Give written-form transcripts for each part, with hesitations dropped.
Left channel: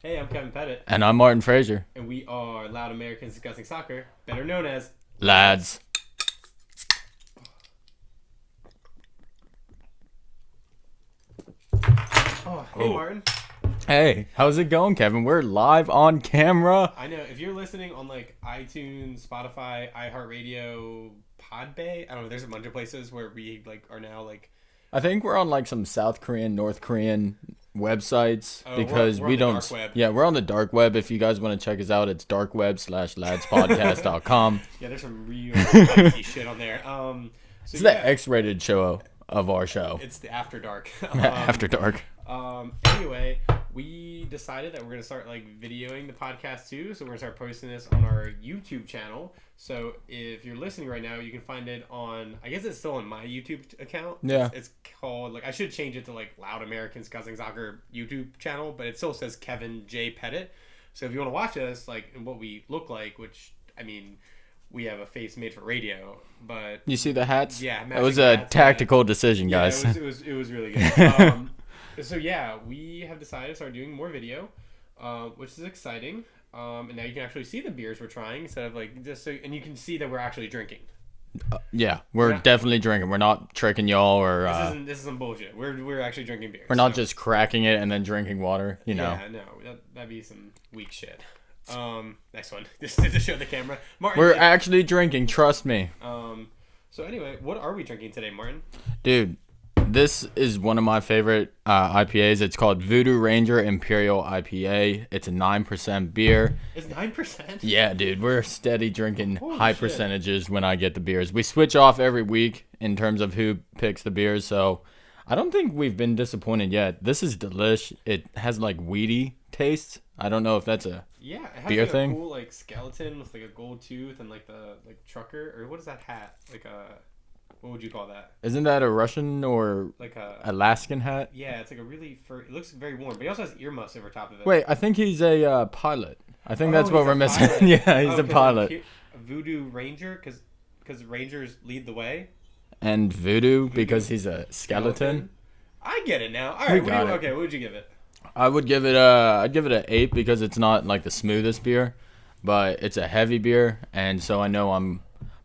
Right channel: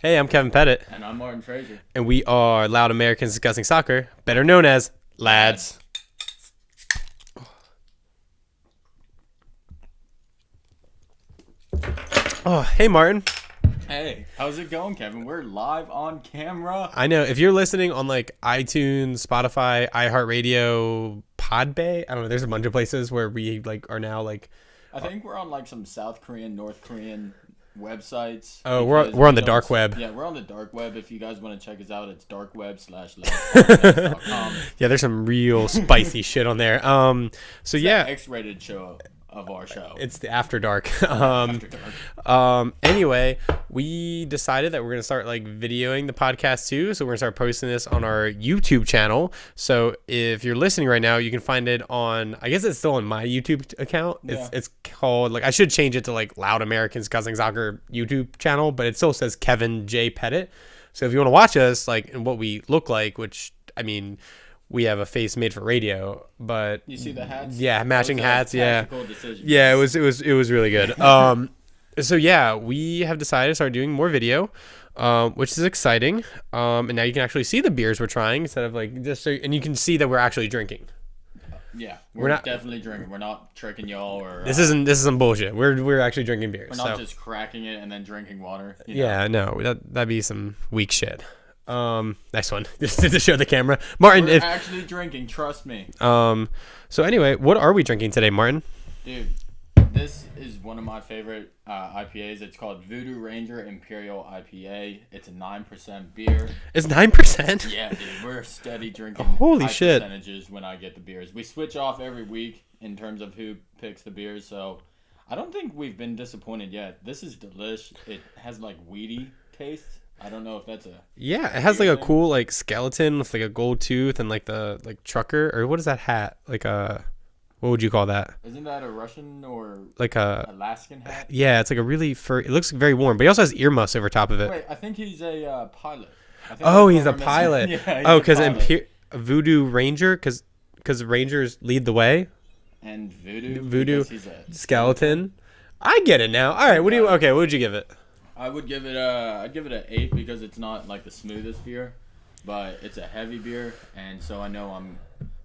Hey, I'm Kevin Pettit, And I'm Martin Frazier. and we are Loud Americans Discussing Soccer, better known as Lads. Oh, hey, Martin. Hey, how's it going, Kevin? We're live on camera. I know if you're listening on like iTunes, Spotify, iHeartRadio, Podbay, I don't know. There's a bunch of places where we like are now like. I think we're on like some South Korean, North Korean websites. Oh, because we're on we the don't- dark web. Yeah, we're on the dark web. If you guys want to check us out, it's darkweb/ladspodcast.com. Yeah, there's some real spicy shit on there. So It's yeah, the X-rated show of our show. it's the After Dark. After dark. Anyway, we decided that we're going to start like videoing the podcast too. So we're going to start posting this on our YouTube channel. So if you're listening right now, you can find it on, I guess it's still on my YouTube account. Yeah. It's called, like, I should change it to like Loud Americans Discussing Soccer YouTube channel, but it still says Kevin J. Pettit. So if you want to watch us, like, and what we look like, which, I mean, we have a face made for radio, but You see the hats? yeah, That matching was a hats. Yeah. tactical decision, Yeah, guys. it was really good. So yeah, we have decided to start doing more video, which is exciting. And now you can actually see the beers we're trying instead of like just so, and you can see that we're actually drinking. Yeah, we're not- definitely drinking. We're not tricking y'all or This isn't bullshit. We're actually drinking beers. we're not so- just cracking it and then drinking water. You know? Yeah, no, that'd be some weak shit. Next one, just to show the camera, Martin. We're actually drinking. Trust me. So anyway, what are we drinking today, Martin? Dude, this is one of my favorite IPAs. It's called Voodoo Ranger Imperial IPA. It's a 9% beer. It's 9%. Yeah, dude, we're steady drinking Holy high shit. percentages when I get the beers. We switch off every week in terms of who picks the beers, so I don't think we've been disappointed yet. This is delish. It has like weedy taste. I don't know if that's a Yeah, it has beer like a thing? cool like skeleton with like a gold tooth and like the like trucker, or what is that hat? Like a, what would you call that? Isn't that a Russian or Like a, Alaskan hat? yeah, it's like a really fur. It looks very warm, but he also has earmuffs over top of it. Wait, I think he's a pilot. I think Oh, that's he's what a we're missing. pilot. Yeah, he's Oh, a pilot. because Voodoo Ranger, because Rangers lead the way. And voodoo because he's a Skeleton. I get it now. All right, what do you? got it. Okay, what would you give it? I would give it an 8 because it's not like the smoothest beer, but it's a heavy beer, and so I know I'm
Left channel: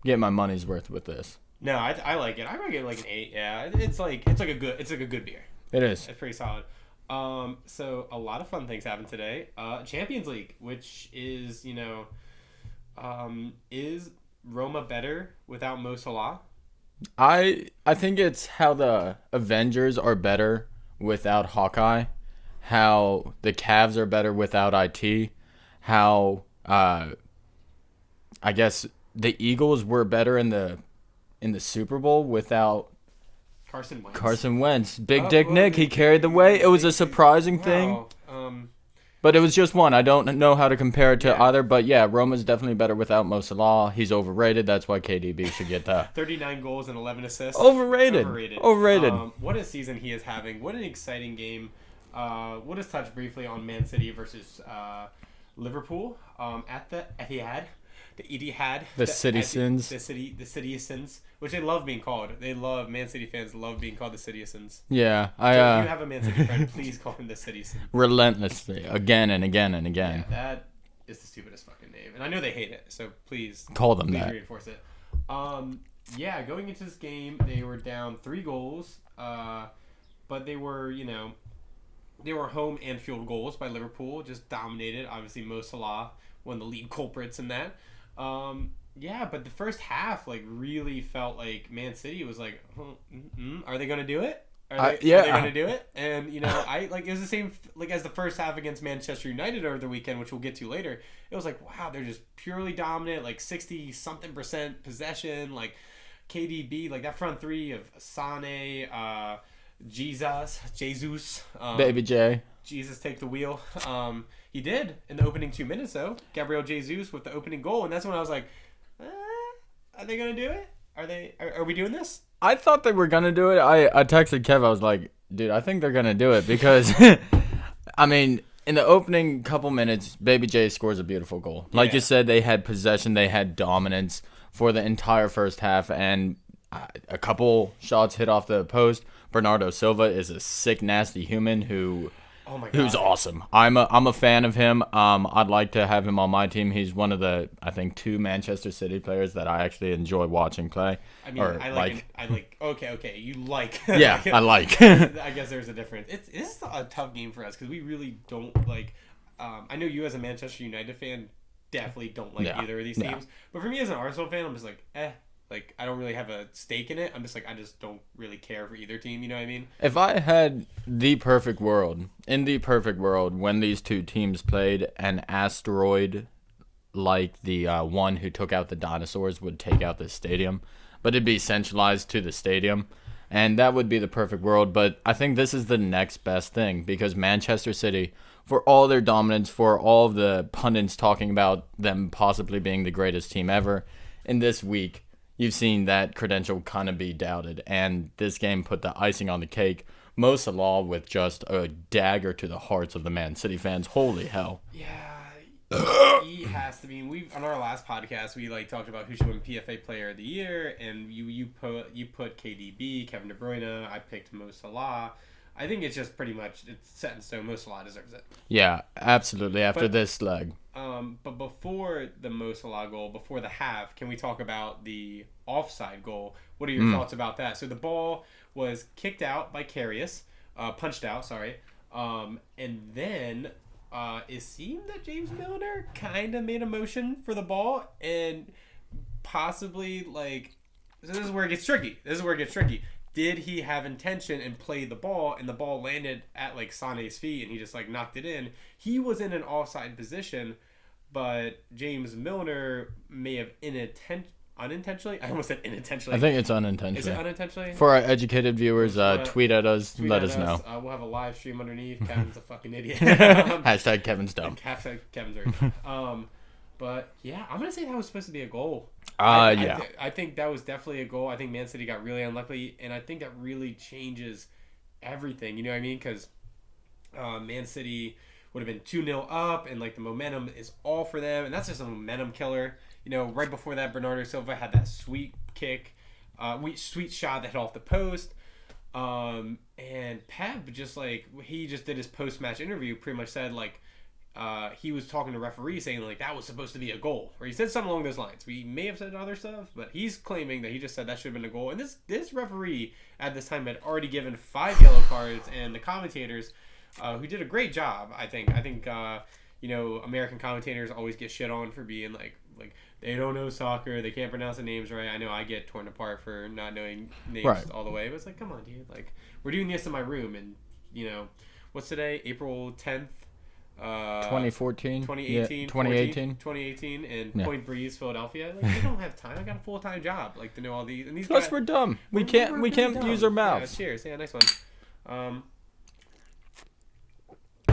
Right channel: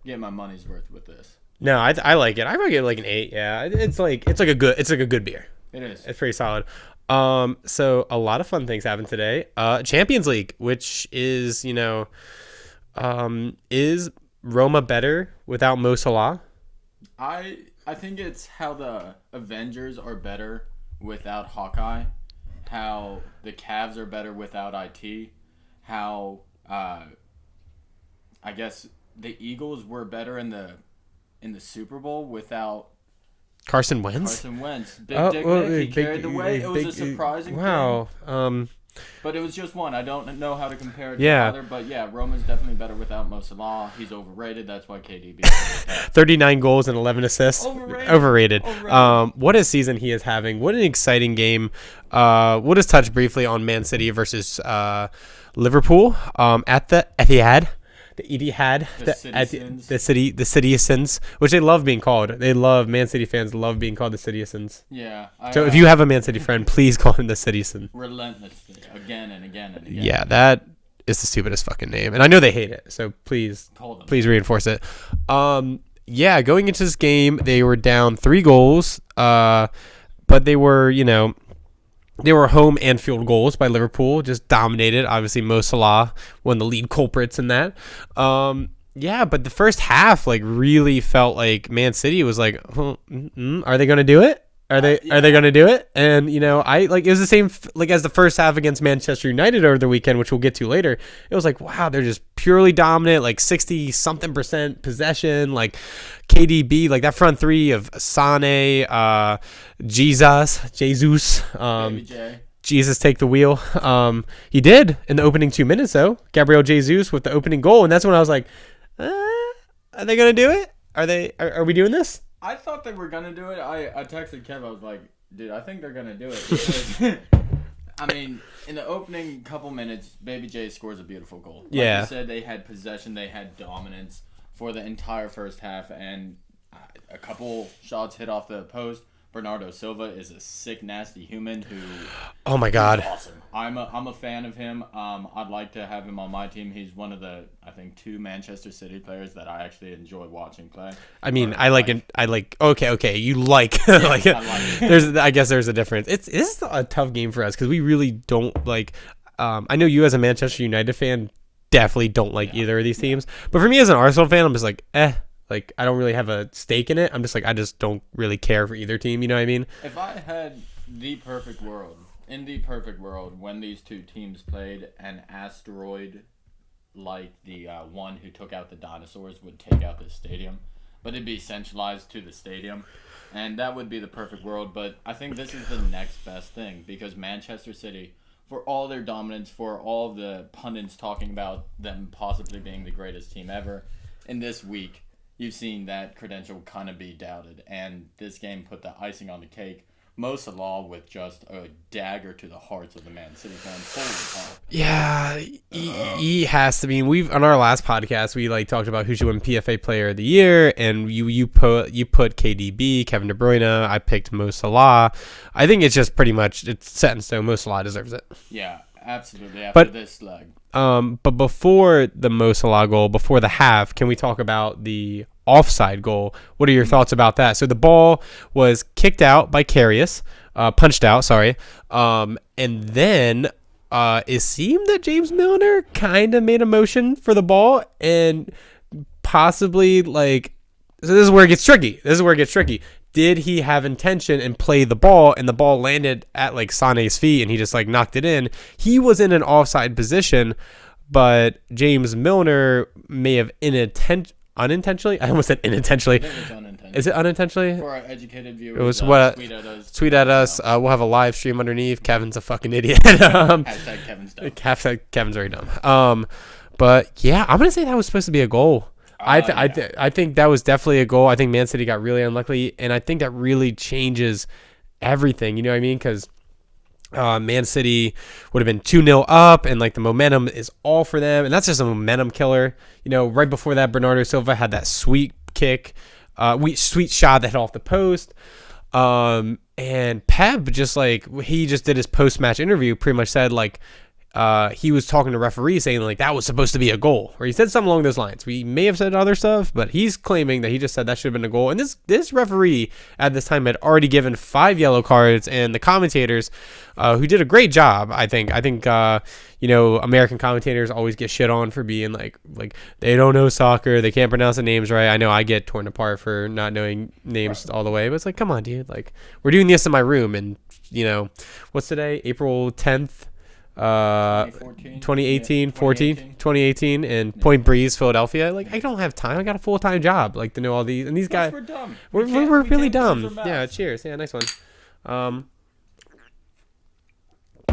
getting my money's worth with this. No, I like it. I might give it like an 8. Yeah, it's like a good beer. It is. It's pretty solid. So a lot of fun things happened today. Champions League, which is, is Roma better without Mo Salah? I think it's how the Avengers are better without Hawkeye, how the Cavs are better without IT, how I guess the Eagles were better in the Super Bowl without Carson Wentz? Carson Wentz. Big Oh, Dick well, Nick, he big- carried the way. It was a surprising thing. Wow. But it was just one. I don't know how to compare it to Yeah. either. But yeah, Roma's definitely better without Mo Salah. He's overrated. That's why KDB should get that. 39 goals and 11 assists. Overrated. What a season he is having. What an exciting game. We'll just touch briefly on Man City versus Liverpool at the Etihad. The Etihad. The Citizens. The Citizens, which they love being called. They love, Man City fans love being called the Citizens. Yeah. So if you have a Man City friend, please call him the Citizen. relentlessly again and again and again. Yeah, that is the stupidest fucking name. And I know they hate it, so please Call them. Please that. reinforce it. Yeah, going into this game, they were down 3 goals, but they were, they were home and field goals by Liverpool, just dominated. Obviously, Mo Salah, one of the lead culprits in that. Yeah, but the first half, like, really felt like Man City was like, are they going to do it? Are they going to do it? And, it was the same as the first half against Manchester United over the weekend, which we'll get to later. It was like, wow, they're just purely dominant, like 60-something% possession, like KDB, like that front three of Sane, Jesus, Baby J. Jesus take the wheel. He did in the opening 2 minutes, though. Gabriel Jesus with the opening goal, and that's when I was like, are they going to do it? Are we doing this? I thought they were gonna do it. I texted Kev. I was like, dude, I think they're gonna do it because, I mean, in the opening couple minutes, Baby J scores a beautiful goal. Like Yeah. you said, they had possession, they had dominance for the entire first half, and a couple shots hit off the post. Bernardo Silva is a sick, nasty human who. Oh my He's God. awesome. I'm a fan of him. I'd like to have him on my team. He's one of the, I think, 2 Manchester City players that I actually enjoy watching play. I mean, Or I like. Okay. You like. Yeah, like, I like. I guess there's a difference. This is a tough game for us because we really don't like. I know you as a Manchester United fan definitely don't like either of these teams, but for me as an Arsenal fan, I'm just like, like I don't really have a stake in it. I'm just like, I just don't really care for either team. You know what I mean? If I had the perfect world, in the perfect world, when these 2 teams played, an asteroid like the one who took out the dinosaurs would take out the stadium, but it'd be centralized to the stadium, and that would be the perfect world. But I think this is the next best thing because Manchester City, for all their dominance, for all of the pundits talking about them possibly being the greatest team ever, in this week, you've seen that credential kind of be doubted. And this game put the icing on the cake. Mo Salah with just a dagger to the hearts of the Man City fans. Holy hell. Yeah, he has to be. We've on our last podcast we like talked about who should win PFA Player of the Year, and you put KDB, Kevin De Bruyne. I picked Mo Salah. I think it's just pretty much it's set in stone. Mo Salah deserves it. Yeah, absolutely. After this leg. But before the Mo Salah goal, before the half, can we talk about the offside goal? What are your thoughts about that? So the ball was kicked out by Karius, punched out, sorry. And then it seemed that James Milner kind of made a motion for the ball and possibly like, so this is where it gets tricky. Did he have intention and play the ball, and the ball landed at like Sané's feet and he just like knocked it in? He was in an offside position, but James Milner may have unintentionally. I almost said unintentionally. I think it's unintentional. Is it unintentionally? For our educated viewers, tweet at us. Tweet at us. We'll have a live stream underneath. Kevin's a fucking idiot. Hashtag Kevin's dumb. Hashtag Kevin's very dumb. But yeah, I'm gonna say that was supposed to be a goal. I think that was definitely a goal. I think Man City got really unlucky, and I think that really changes everything. You know what I mean? Because Man City would have been 2-0 up, and like the momentum is all for them, and that's just a momentum killer. You know, right before that, Bernardo Silva had that sweet kick, sweet shot that hit off the post. And Pep just he just did his post-match interview, pretty much said like, he was talking to referee saying like that was supposed to be a goal, or he said something along those lines. We may have said other stuff, but he's claiming that he just said that should have been a goal. And this referee at this time had already given 5 yellow cards, and the commentators, who did a great job, I think American commentators always get shit on for being like they don't know soccer, they can't pronounce the names right. I know I get torn apart for not knowing names all the way, but it's like, come on, dude, like we're doing this in my room, and what's today, April 10th. 2014 2018 2018 in Point Breeze, Philadelphia. Like I don't have time, I got a full-time job like to know all these, and these guys, we're dumb. We're really dumb. Yeah, cheers. Yeah, nice one.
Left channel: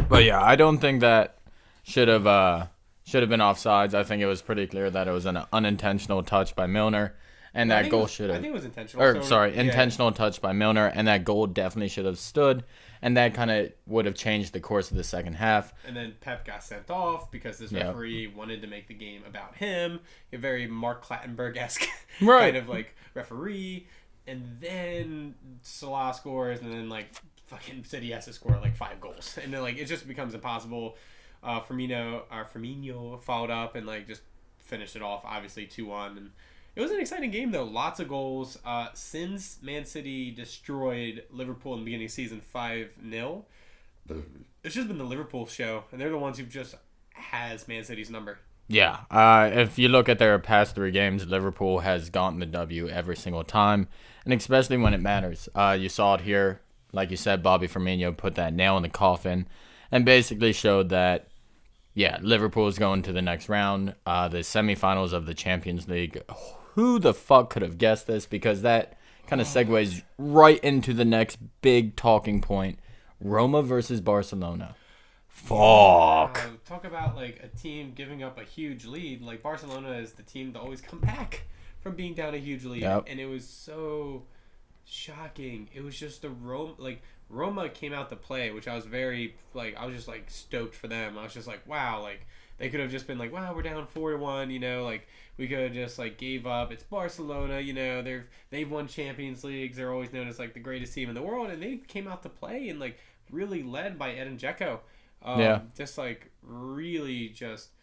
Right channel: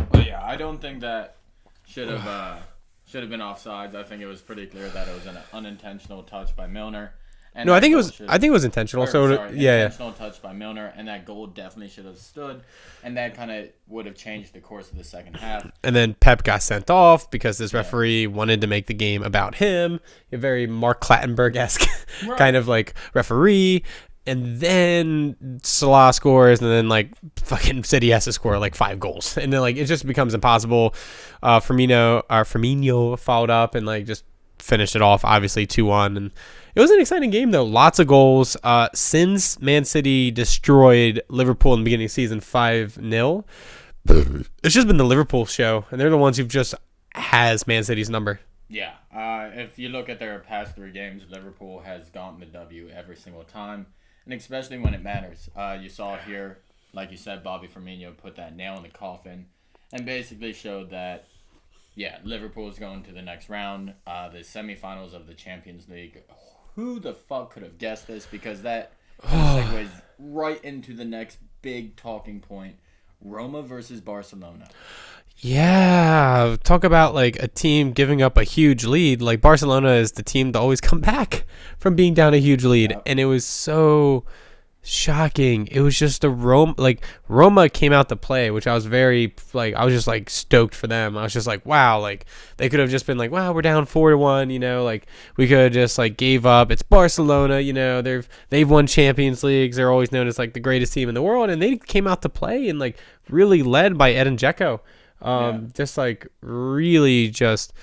But yeah, I don't think that should have been offsides. I think it was pretty clear that it was an unintentional touch by Milner. And no, I think it was intentional. Intentional touch by Milner, and that goal definitely should have stood, and that kind of would have changed the course of the second half. And then Pep got sent off because this referee wanted to make the game about him, a very Mark Clattenburg-esque kind of like referee. And then Salah scores, and then like fucking City has to score like 5 goals, and then like it just becomes impossible. Firmino fouled up and like just finished it off, obviously 2-1, and it was an exciting game though. Lots of goals. Since Man City destroyed Liverpool in the beginning of the season 5-0, it's just been the Liverpool show, and they're the ones who just has Man City's number. Yeah. If you look at their past 3 games, Liverpool has gotten the W every single time, and especially when it matters. You saw it here. Like you said, Bobby Firmino put that nail in the coffin and basically showed that, yeah, Liverpool is going to the next round, the semifinals of the Champions League. Who the fuck could have guessed this? Because that kind of segues right into the next big talking point. Roma versus Barcelona. Yeah, talk about like a team giving up a huge lead. Like Barcelona is the team to always come back from being down a huge lead, and it was so Shocking. It was just Roma came out to play, which I was very I was just stoked for them. I was just like, wow, they could have just been like, wow, we're down 4-1, we could have just gave up. It's Barcelona, they've won Champions Leagues. They're always known as the greatest team in the world, and they came out to play and really led by Edin Dzeko. Just really just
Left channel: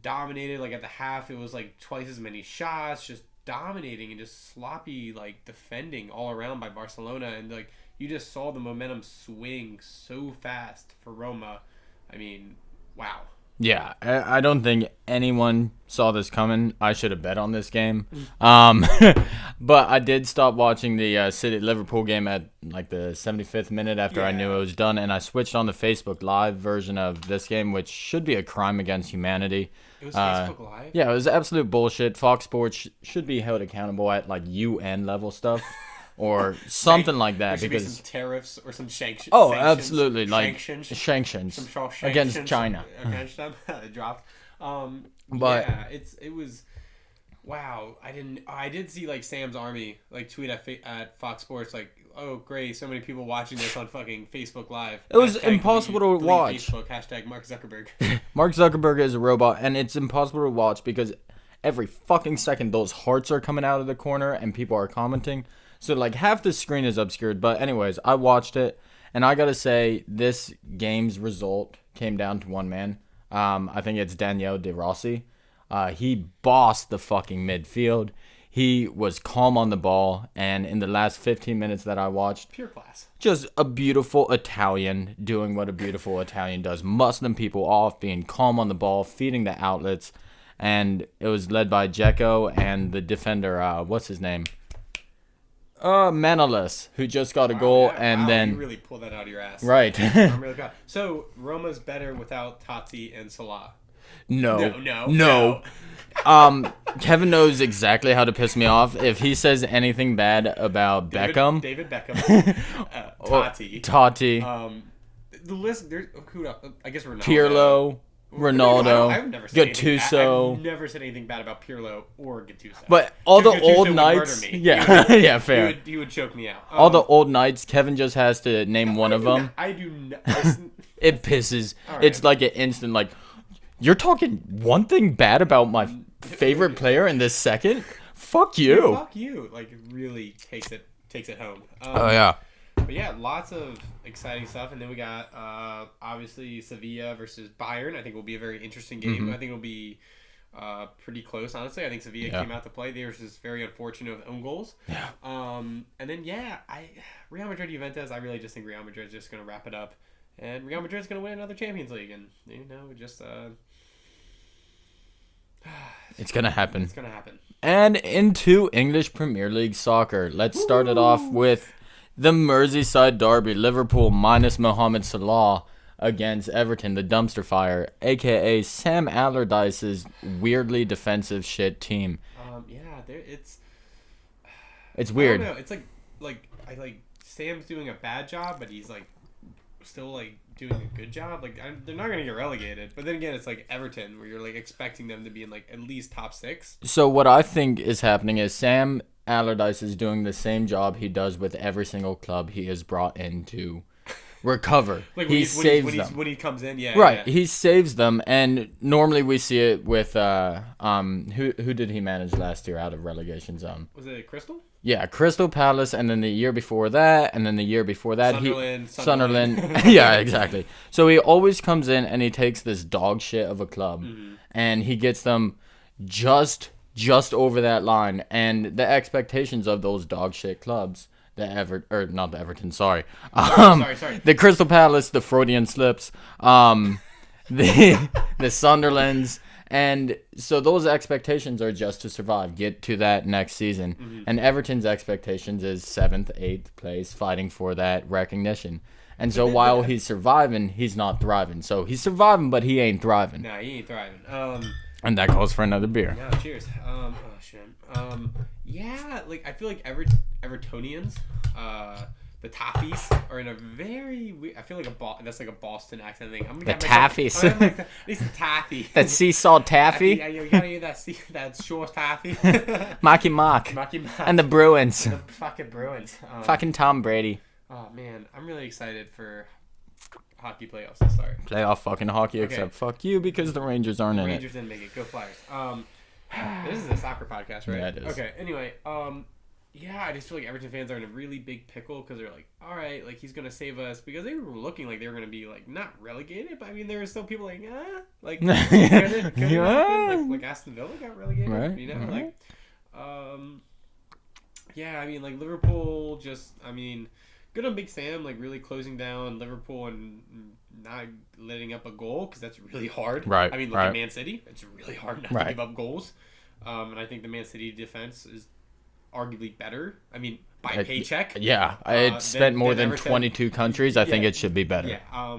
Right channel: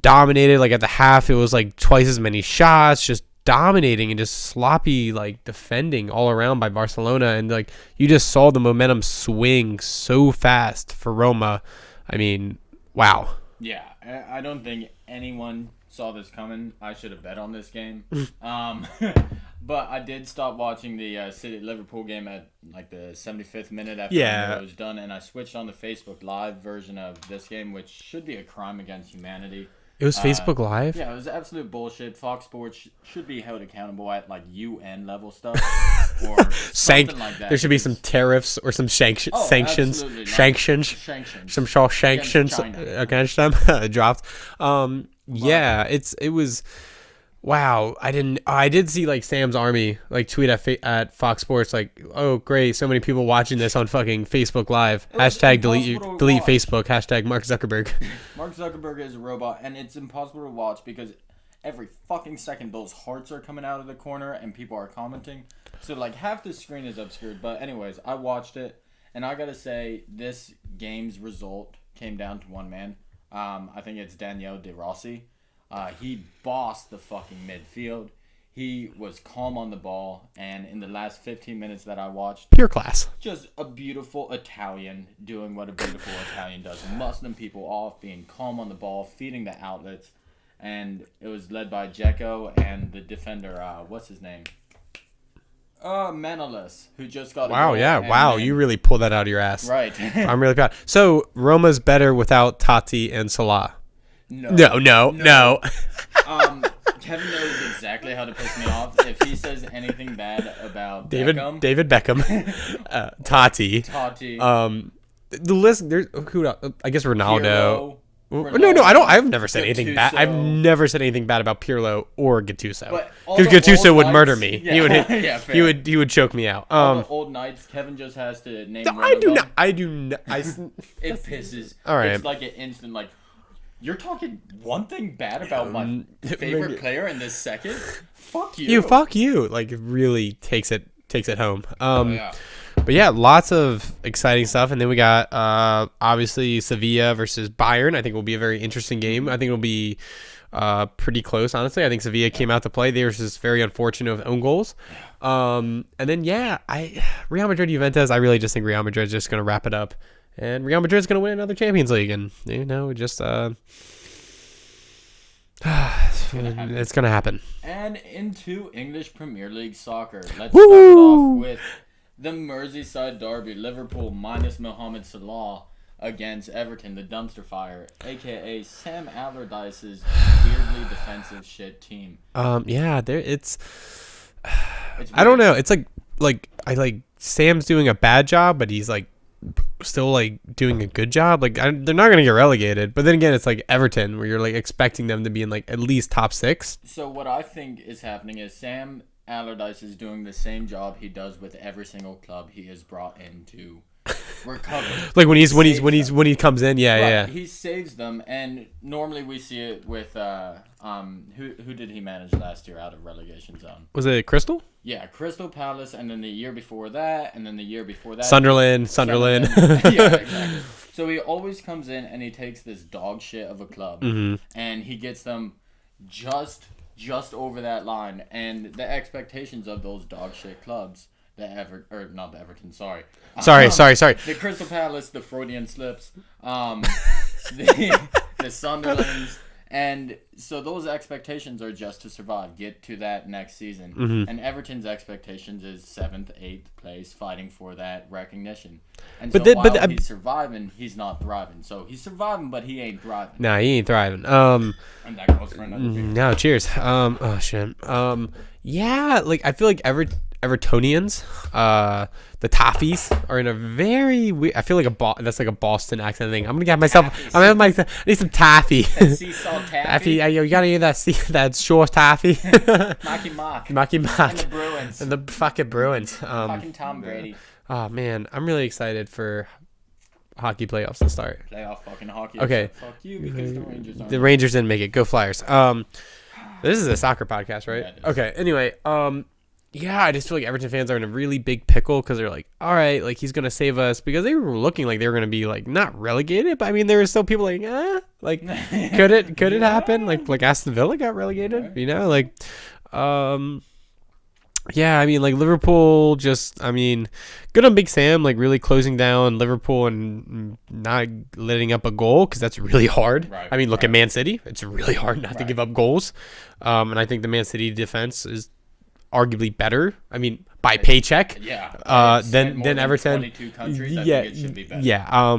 dominated. At the half, it was twice as many shots, just dominating and just sloppy defending all around by Barcelona, and you just saw the momentum swing so fast for Roma. I mean, wow. Yeah, I don't think anyone saw this coming. I should have bet on this game. But I did stop watching the City Liverpool game at the 75th minute after I knew it was done, and I switched on the Facebook Live version of this game, which should be a crime against humanity. It was Facebook Live? Yeah, it was absolute bullshit. Fox Sports should be held accountable at UN level stuff or something like that. There should be some tariffs or some sanctions. Absolutely. Sanctions. Some sanctions against them. Dropped. Yeah, it was. Wow, I did see Sam's Army tweet at Fox Sports oh great, so many people watching this on fucking Facebook Live. Hashtag delete Facebook. Hashtag Mark Zuckerberg. Mark Zuckerberg is a robot, and it's impossible to watch because every fucking second those hearts are coming out of the corner and people are commenting. So half the screen is obscured. But anyways, I watched it, and I gotta say this game's result came down to one man. I think it's Daniel De Rossi. He bossed the fucking midfield. He was calm on the ball, and in the last 15 minutes that I watched, pure class. Just a beautiful Italian doing what a beautiful Italian does, muscling people off, being calm on the ball, feeding the outlets, and it was led by Dzeko and the defender, what's his name? Manolas, who just got a goal. Wow, you really pulled that out of your ass. Right. I'm really proud. So Roma's better without Totti and Salah. No. Kevin knows exactly how to piss me off. If he says anything bad about Beckham. David Beckham. Totti. The list, there's who else? I guess Ronaldo. No, I've never said anything bad. I've never said anything bad about Pirlo or Gattuso. But Gattuso would murder me. Yeah, fair. He would choke me out. All the old knights, Kevin just has to name one of them. I do not. It pisses. All right. It's an instant you're talking one thing bad about my favorite player in this second? Fuck you. Fuck you. It really takes it home. Yeah. But yeah, lots of exciting stuff. And then we got obviously Sevilla versus Bayern. I think it will be a very interesting game. Mm-hmm. I think it'll be pretty close, honestly. I think Sevilla came out to play. They were just very unfortunate with own goals. Yeah. And then, Real Madrid, Juventus, I really just think Real Madrid is just going to wrap it up. And Real Madrid is going to win another Champions League. And, just... it's going to happen. It's going to happen. And into English Premier League soccer. Let's start it off with the Merseyside derby. Liverpool minus Mohamed Salah against Everton, the dumpster fire, a.k.a. Sam Allardyce's weirdly defensive shit team. It's weird. I don't know. It's Sam's doing a bad job, but he's still doing a good job. They're not gonna get relegated, but then again, it's Everton, where you're expecting them to be in at least top 6. So what I think is happening is Sam Allardyce is doing the same job he does with every single club he has brought in to recover. when he comes in, he saves them, and normally we see it with who did he manage last year out of relegation zone? Was it Crystal? Yeah, Crystal Palace, and then the year before that, and then the year before that, Sunderland. Yeah, exactly. So he always comes in and he takes this dog shit of a club, and he gets them just over that line, and the expectations of those dog shit clubs. Not the Everton. Sorry. The Crystal Palace, the Freudian slips, the Sunderlands, and so those expectations are just to survive, get to that next season. And Everton's expectations is 7th, 8th place, fighting for that recognition. And while he's surviving, he's not thriving. So he's surviving, but he ain't thriving. Nah, he ain't thriving. And that calls for another beer. No, cheers. Oh shit. Yeah, like I feel like Evertonians, the Toffees are in a very weird. I feel like that's like a Boston accent thing. I'm gonna get myself. Taffies. I'm gonna I need some taffy. That sea salt taffy. Yeah, you gotta eat that short taffy. Marky Mark. Marky Mark. And the Bruins. The fucking Bruins. Fucking Tom Brady. Oh man, I'm really excited for hockey playoffs to start. Playoff fucking hockey. Okay. Except fuck you because the Rangers aren't. The Rangers didn't make it. Go Flyers. This is a soccer podcast, right? Yeah, it is. Okay. Anyway, yeah, I just feel like Everton fans are in a really big pickle because they're like, all right, like he's gonna save us because they were looking like they were gonna be like not relegated, but I mean there were still people like, like could it happen? Like Aston Villa got relegated, Right. you know, like, yeah, I mean like Liverpool just, I mean, good on Big Sam, like really closing down Liverpool and not letting up a goal because that's really hard. Right. I mean, look right. at Man City; it's really hard not to Right. give up goals, and I think the Man City defense is arguably better. I mean, by paycheck. Yeah. Then It's spent more than Everton. 22 countries. I Yeah, think it should be better. Yeah.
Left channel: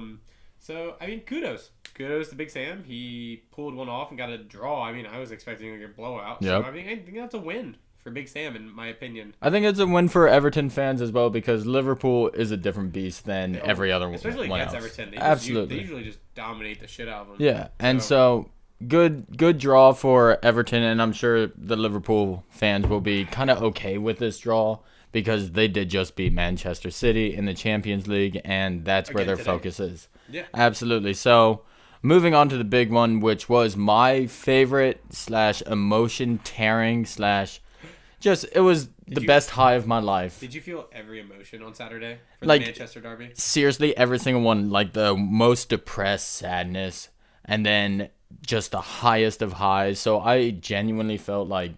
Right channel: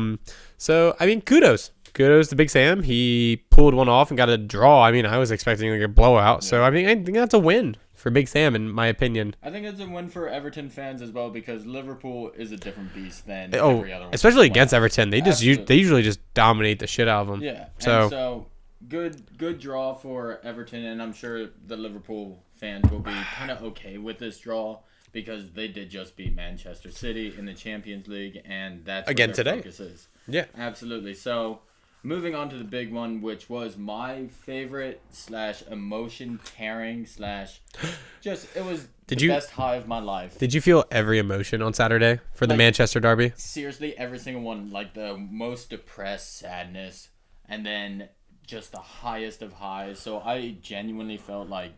So I mean, kudos to Big Sam. He pulled one off and got a draw. I mean, I was expecting like a blowout. So Yeah. I mean, I think that's a win for Big Sam in my opinion. I think it's a win for Everton fans as well because Liverpool is a different beast than every other one. Especially against Everton, they Absolutely. usually just dominate the shit out of them. Yeah, So- and so good draw for Everton, and I'm sure the Liverpool fans will be kind of okay with this draw because they did just beat Manchester City in the Champions League, and that's Again where their today. focus is. Yeah. Absolutely. So moving on to the big one, which was my favorite / emotion tearing / just it was Did the you- best high of my life. Did you feel every emotion on Saturday for the Like- Manchester derby? Seriously, every single one, like the most depressed sadness, and then just the highest of highs. So I genuinely felt like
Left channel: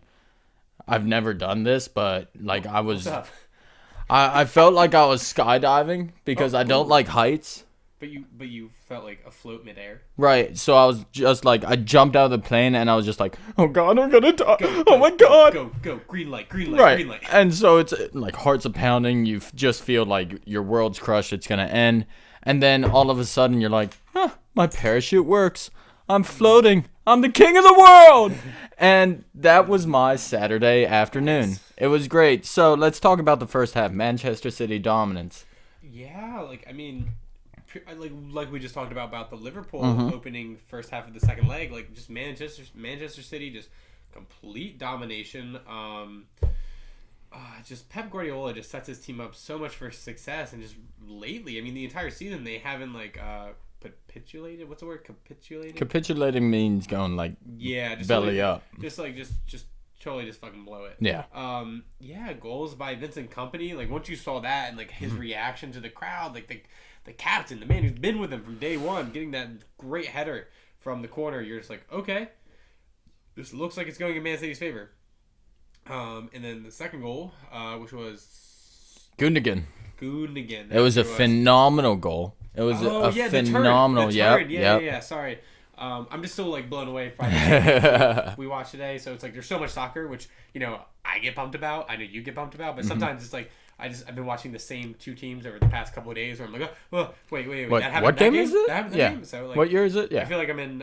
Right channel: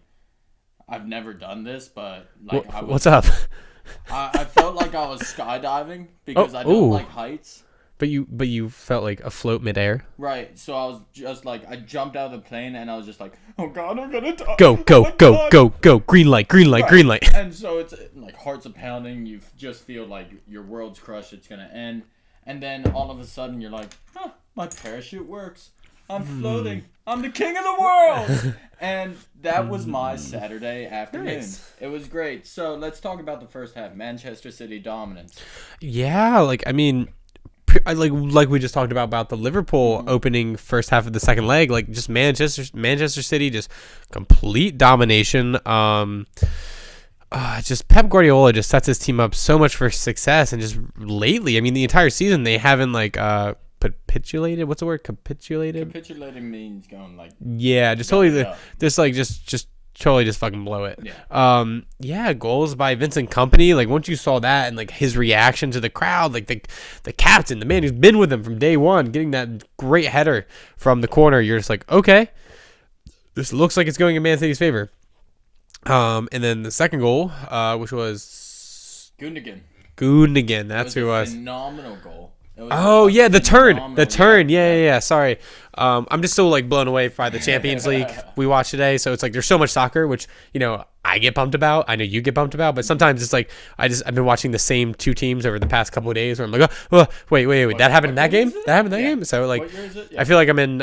I've never done this, but like I was. What's up? I felt like I was skydiving because I don't ooh. like heights. But you felt like afloat midair. Right. So I was just like I jumped out of the plane and I was just like, oh god, I'm gonna die. Go Oh my God. go! Green light, Right. green light. And so it's like hearts are pounding. You just feel like your world's crushed. It's gonna end. And then all of a sudden you're like, my parachute works. I'm floating. I'm the king of the world. And that was my Saturday afternoon. Nice. It was great. So let's talk about the first half. Manchester City dominance. Yeah, like I mean, like we just talked about the Liverpool opening first half of the second leg, like just Manchester City, just complete domination. Just Pep Guardiola just sets his team up so much for success, and just lately, I mean, the entire season they haven't like capitulated. What's the word? Capitulated. Capitulating means going like, Yeah, just belly totally, up. just totally just fucking blow it. Yeah. Yeah, goals by Vincent Kompany. Like once you saw that and like his reaction to the crowd, like the captain, the man who's been with him from day one, getting that great header from the corner, you're just like, okay, this looks like it's going in Man City's favor. And then the second goal, which was Gundogan. Gundogan. It was a phenomenal goal. It was The turn. Yeah. Yeah. Sorry. I'm just so like blown away by the Champions League we watched today. So it's like there's so much soccer, which I get pumped about. I know you get pumped about, but sometimes it's like I've been watching the same two teams over the past couple of days where I'm like, oh, wait, that happened in that game. That happened in that game. So like, What year is it? Yeah. I feel like I'm in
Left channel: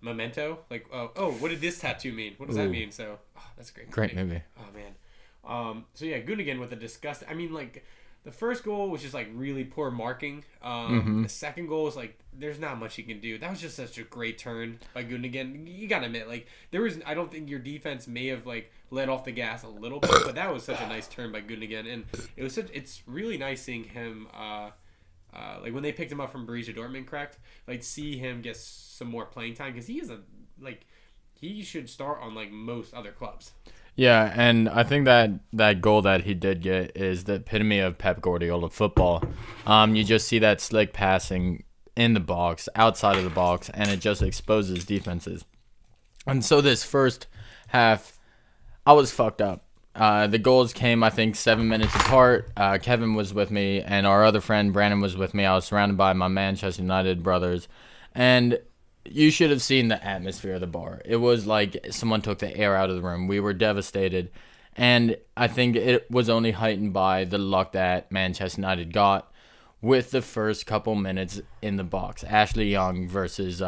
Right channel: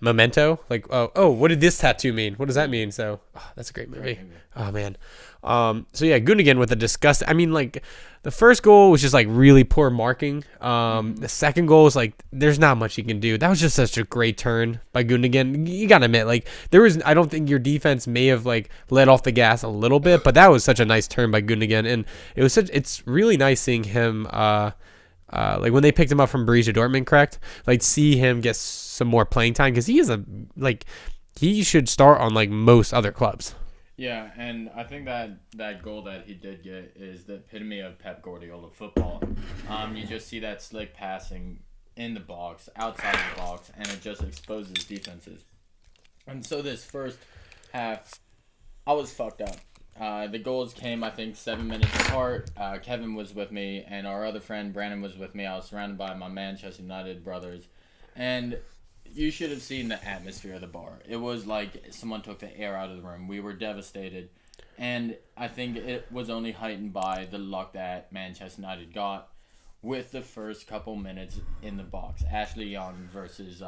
Memento. Like, oh, what did this tattoo mean? What does that mean? So that's a great movie. Great movie. Oh man. So yeah, Gundogan with a disgust. I mean, like the first goal was just like really poor marking. The second goal is like there's not much you can do. That was just such a great turn by Gundogan. You gotta admit, like I don't think your defense may have like let off the gas a little bit, but that was such a nice turn by Gundogan, and it's really nice seeing him. Like when they picked him up from Borussia Dortmund, correct? Like see him get some more playing time because he is he should start on like most other clubs. Yeah, and I think that goal that he did get is the epitome of Pep Guardiola football. You just see that slick passing in the box, outside of the box, and it just exposes defenses. And so this first half, I was fucked up. The goals came, I think, 7 minutes apart. Kevin was with me, and our other friend, Brandon, was with me. I was surrounded by my Manchester United brothers. And you should have seen the atmosphere of the bar. It was like someone took the air out of the room. We were devastated. And I think it was only heightened by the luck that Manchester United got with the first couple minutes in the box. Ashley Young versus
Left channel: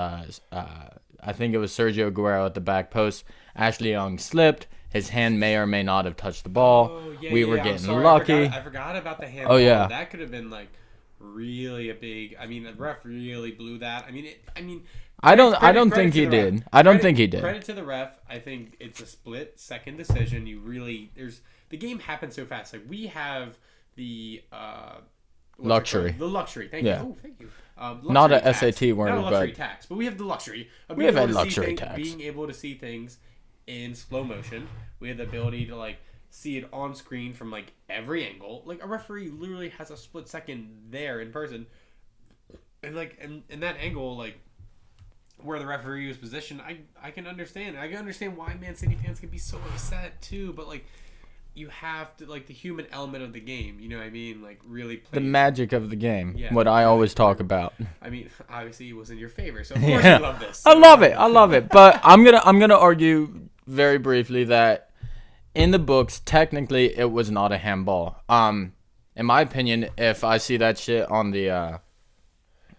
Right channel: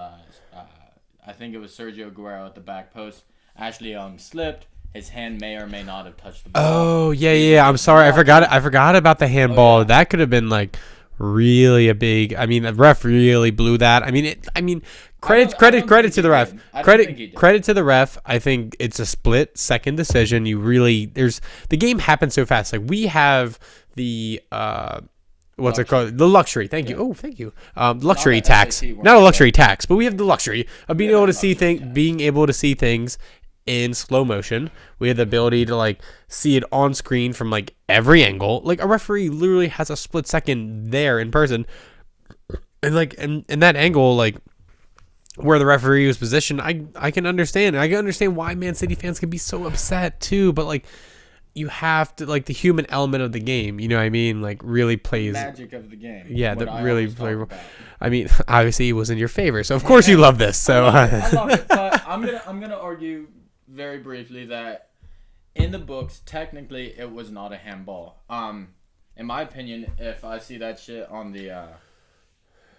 I think it was Sergio Aguero at the back post. Ashley Young slipped. His hand may or may not have touched the ball. Oh yeah. I'm sorry, I forgot about the handball. Oh, yeah. That could have been like really a big. I mean, the ref really blew that. I mean, credit to the ref. I don't think he did. Credit to the ref. I think it's a split second decision. The game happens so fast. Like we have the what's it called? The luxury. Thank you. Oh, thank you. Luxury tax. Not a luxury tax, but we have the luxury of being able to see things in slow motion. We have the ability to like see it on screen from like every angle. Like a referee literally has a split second there in person, and like in that angle, like where the referee was positioned, I can understand. I can understand why Man City fans can be so upset too. But like, you have to like the human element of the game. You know what I mean? Like really plays the magic of the game. Yeah, what I always talk about. I mean, obviously it was in your favor, so of course you love this. So. I love it. But I'm gonna argue very briefly that in the books, technically, it was not a handball. In my opinion, if I see that shit on the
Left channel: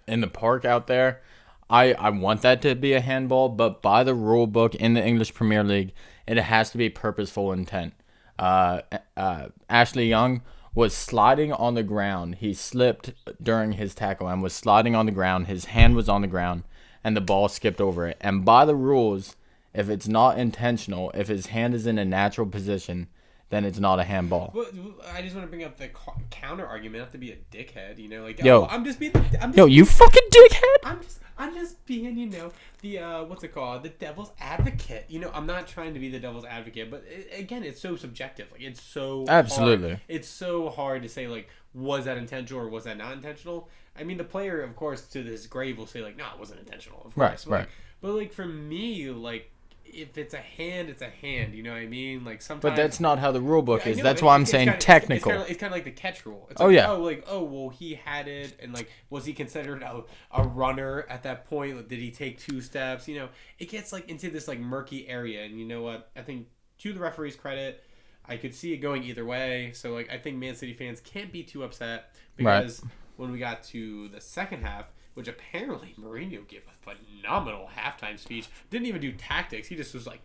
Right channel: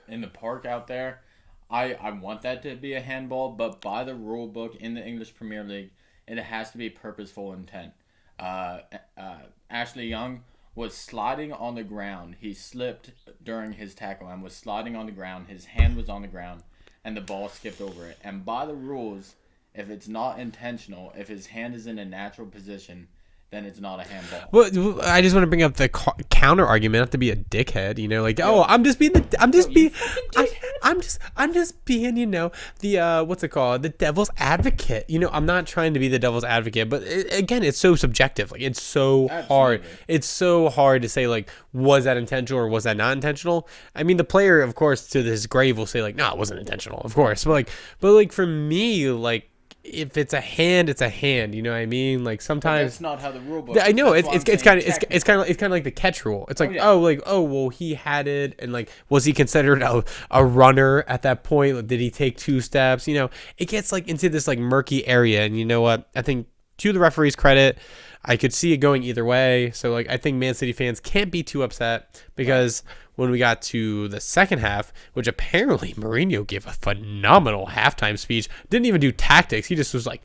in the park out there, I want that to be a handball. But by the rule book in the English Premier League, it has to be purposeful intent. Ashley Young was sliding on the ground. He slipped during his tackle and was sliding on the ground. His hand was on the ground, and the ball skipped over it. And by the rules, if it's not intentional, if his hand is in a natural position, then it's not a handball. Well, I just want to bring up the counter argument, not to be a dickhead, you know, like, I'm just being you fucking dickhead. I'm just being, you know, the what's it called, the devil's advocate. You know, I'm not trying to be the devil's advocate, but again, it's so subjective. Like, it's so hard. It's so hard to say like, was that intentional or was that not intentional? I mean, the player, of course, to his grave will say like, no, it wasn't intentional, of course. Right, but like for me, like, if it's a hand, it's a hand. You know what I mean? Like sometimes but that's not how the rule book is. I know. It's kind of like the catch rule. It's like well, he had it, and like, was he considered a runner at that point? Like, did he take 2 steps? You know, it gets like into this like murky area. And you know what? I think to the referee's credit, I could see it going either way. So like, I think Man City fans can't be too upset because. Right. When we got to the second half, which apparently Mourinho gave a phenomenal halftime speech, didn't even do tactics. He just was like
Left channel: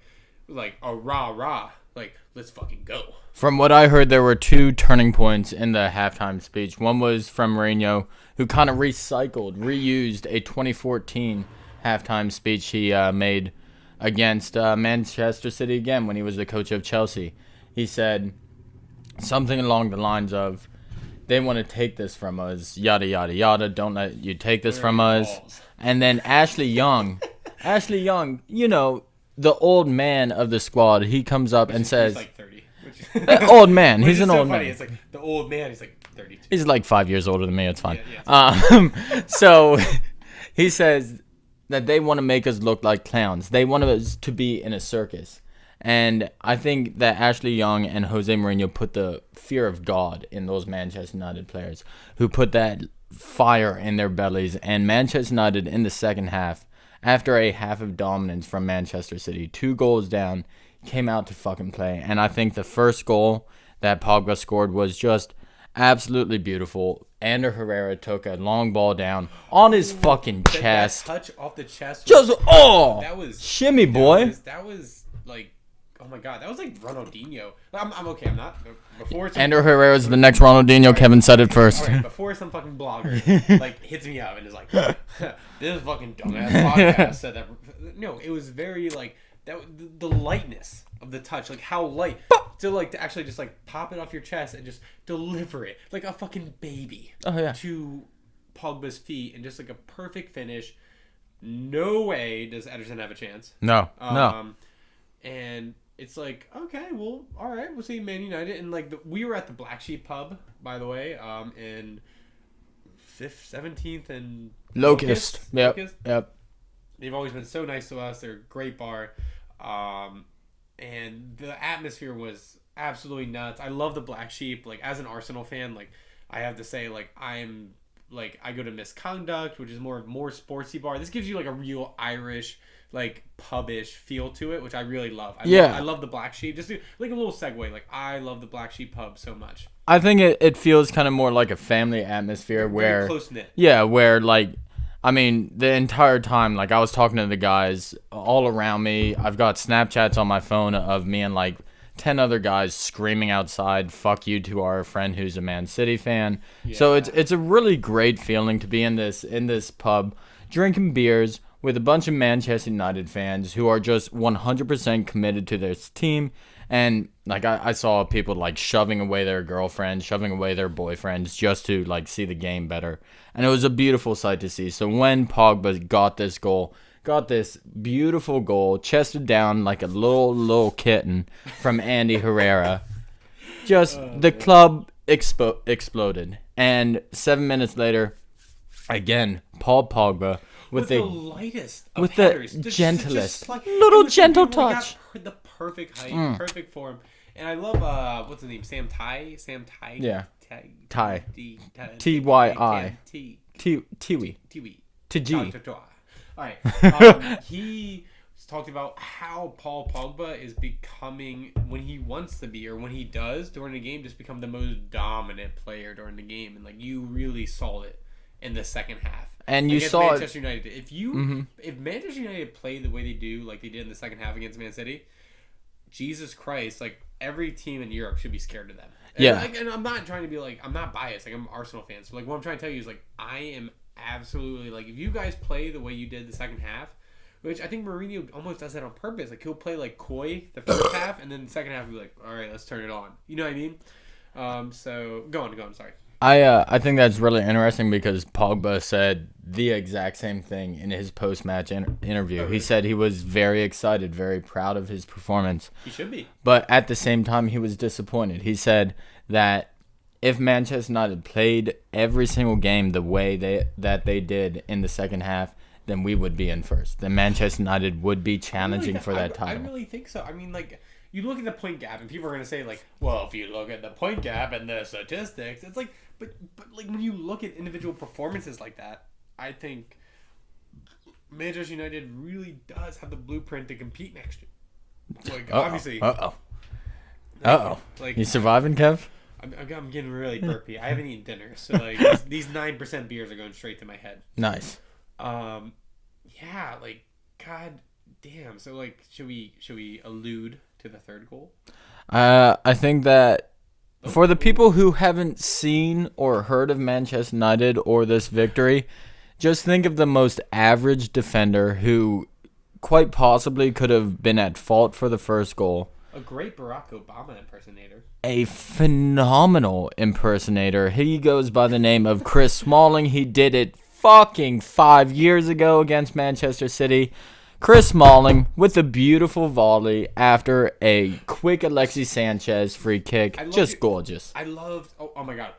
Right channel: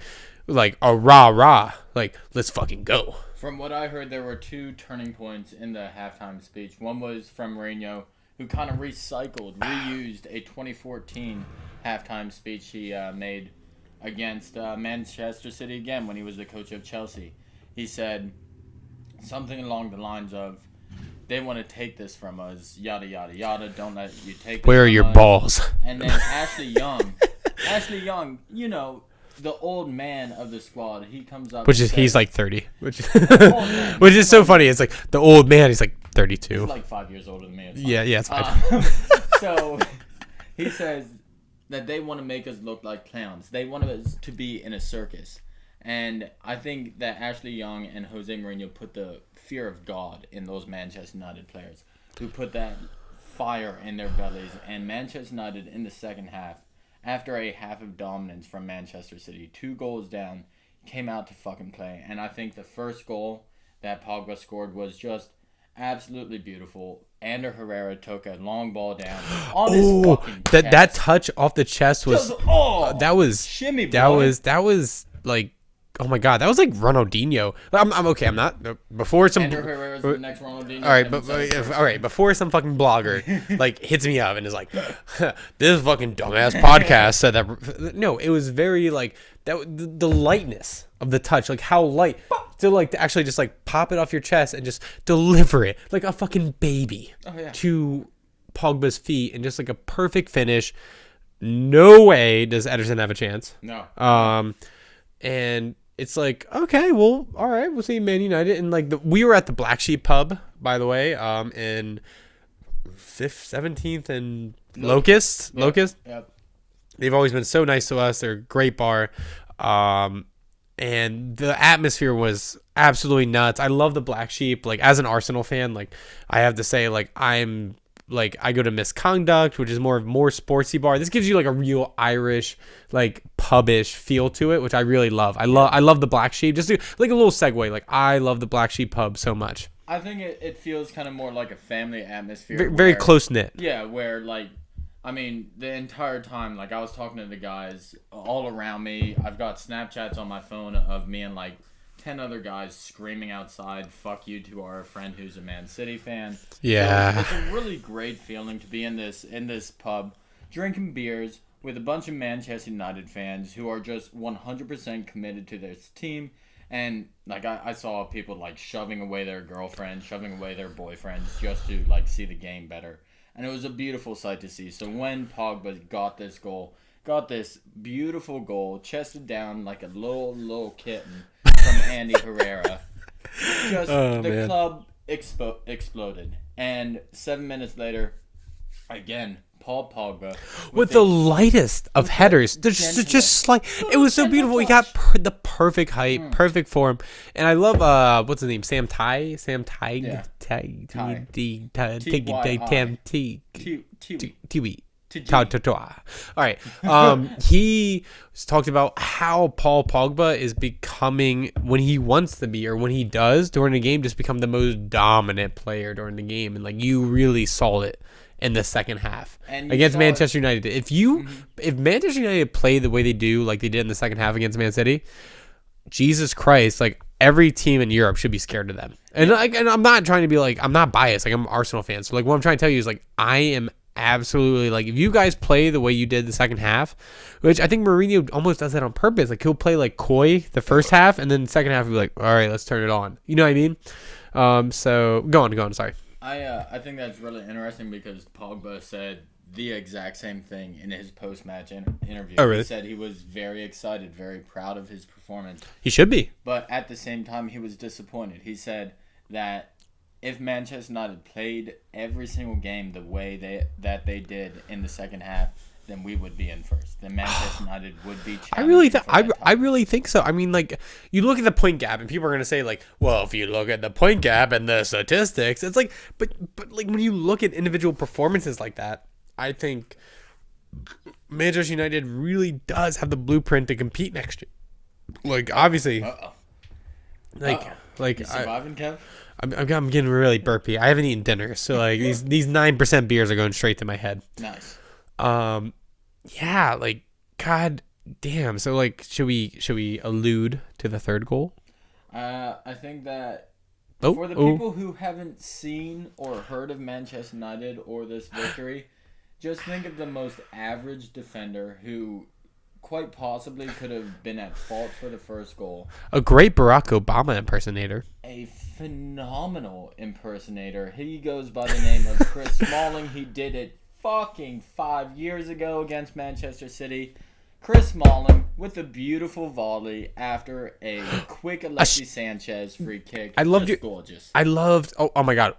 a rah, like, let's fucking go. From what I heard, there were 2 turning points in the halftime speech. One was from Mourinho, who kind of reused a 2014 halftime speech he made against Manchester City again when he was the coach of Chelsea. He said something along the lines of, they want to take this from us, yada, yada, yada. Don't let you take this from us. Where are your balls? And then Ashley Young, you know, the old man of the squad, he comes up and says... He's like 30. Old man. Which is so funny. It's like, the old man, he's like 32. He's like 5 years older than me. It's fine. Yeah, it's fine. So he says that they want to make us look like clowns. They want us to be in a circus. And I think that Ashley Young and Jose Mourinho put the fear of God in those Manchester United players, who put that fire in their bellies. And Manchester United in the second half, after a half of dominance from Manchester City, 2 goals down, came out to fucking play. And I think the first goal that Pogba scored was just absolutely beautiful. Ander Herrera took a long ball down on his fucking chest. That touch off the chest was that was shimmy, boy. That was like, oh my god, that was like Ronaldinho. I'm okay. I'm not before some. Ander Herrera's the next Ronaldinho. Right, Kevin said it first. All right, before some fucking blogger like hits me up and is like, this fucking dumbass podcast said that. No, it was very like that. The lightness of the touch, like how light to actually just like pop it off your chest and just deliver it like a fucking baby to Pogba's feet, and just like a perfect finish. No way does Ederson have a chance. No. And it's like, okay, well, all right, we'll see Man United. And like we were at the Black Sheep pub, by the way, in 17th and Locust. Yep. They've always been so nice to us. They're a great bar. And the atmosphere was absolutely nuts. I love the Black Sheep. Like, as an Arsenal fan, like, I have to say, like, I go to Misconduct, which is more sportsy bar. This gives you like a real Irish, like, pubish feel to it, which I really love. I love the Black Sheep. Just like a little segue. Like, I love the Black Sheep pub so much. I think it feels kind of more like a family atmosphere. Very close knit. Yeah, where like I mean, the entire time, like, I was talking to the guys all around me. I've got Snapchats on my phone of me and, like, 10 other guys screaming outside, fuck you to our friend who's a Man City fan. Yeah. So it's a really great feeling to be in this pub, drinking beers with a bunch of Manchester United fans who are just 100% committed to this team. And, like, I saw people, like, shoving away their girlfriends, shoving away their boyfriends just to, like, see the game better. And it was a beautiful sight to see. So when Pogba got this beautiful goal, chested down like a little kitten from Andy Herrera, the club exploded. And 7 minutes later, again, Paul Pogba with the lightest of headers, just like it was so beautiful. He got the perfect height, perfect form, and I love what's his name, Sam Ty, yeah, All right. He talked about how Paul Pogba is becoming, when he wants to be or when he does during the game, just become the most dominant player during the game, and like you really saw it in the second half and against Manchester United. If Manchester United play the way they do, like they did in the second half against Man City, Jesus Christ, like every team in Europe should be scared of them. And, and I'm not trying to be like, I'm not biased. Like I'm an Arsenal fan. So like what I'm trying to tell you is like, I am absolutely like, if you guys play the way you did the second half, which I think Mourinho almost does that on purpose. Like he'll play like coy the first half and then the second half he'll be like, all right, let's turn it on. You know what I mean? So go on. Sorry. I think that's really interesting because Pogba said the exact same thing in his post-match interview. Oh, really? He said he was very excited, very proud of his performance. He should be. But at the same time, he was disappointed. He said that if Manchester United played every single game the way they did in the second half, then we would be in first. Then Manchester United would be challenging for that title. I really think so. I mean, like, you look at the point gap, and people are going to say, like, well, if you look at the point gap and the statistics, it's like, but like, when you look at individual performances like that, I think Manchester United really does have the blueprint to compete next year. Like, obviously. Like, you surviving, Kev? I'm getting really burpy. I haven't eaten dinner, so, like, these 9% beers are going straight to my head. Nice. Yeah, like, god damn. So like, should we allude to the third goal? I think that for the people who haven't seen or heard of Manchester United or this victory, just think of the most average defender who quite possibly could have been at fault for the first goal. A great Barack Obama impersonator. A phenomenal impersonator. He goes by the name of Chris Smalling. He did it fucking 5 years ago against Manchester City. Chris Smalling with a beautiful volley after a quick Alexis Sanchez free kick. Gorgeous. I loved. Oh my god!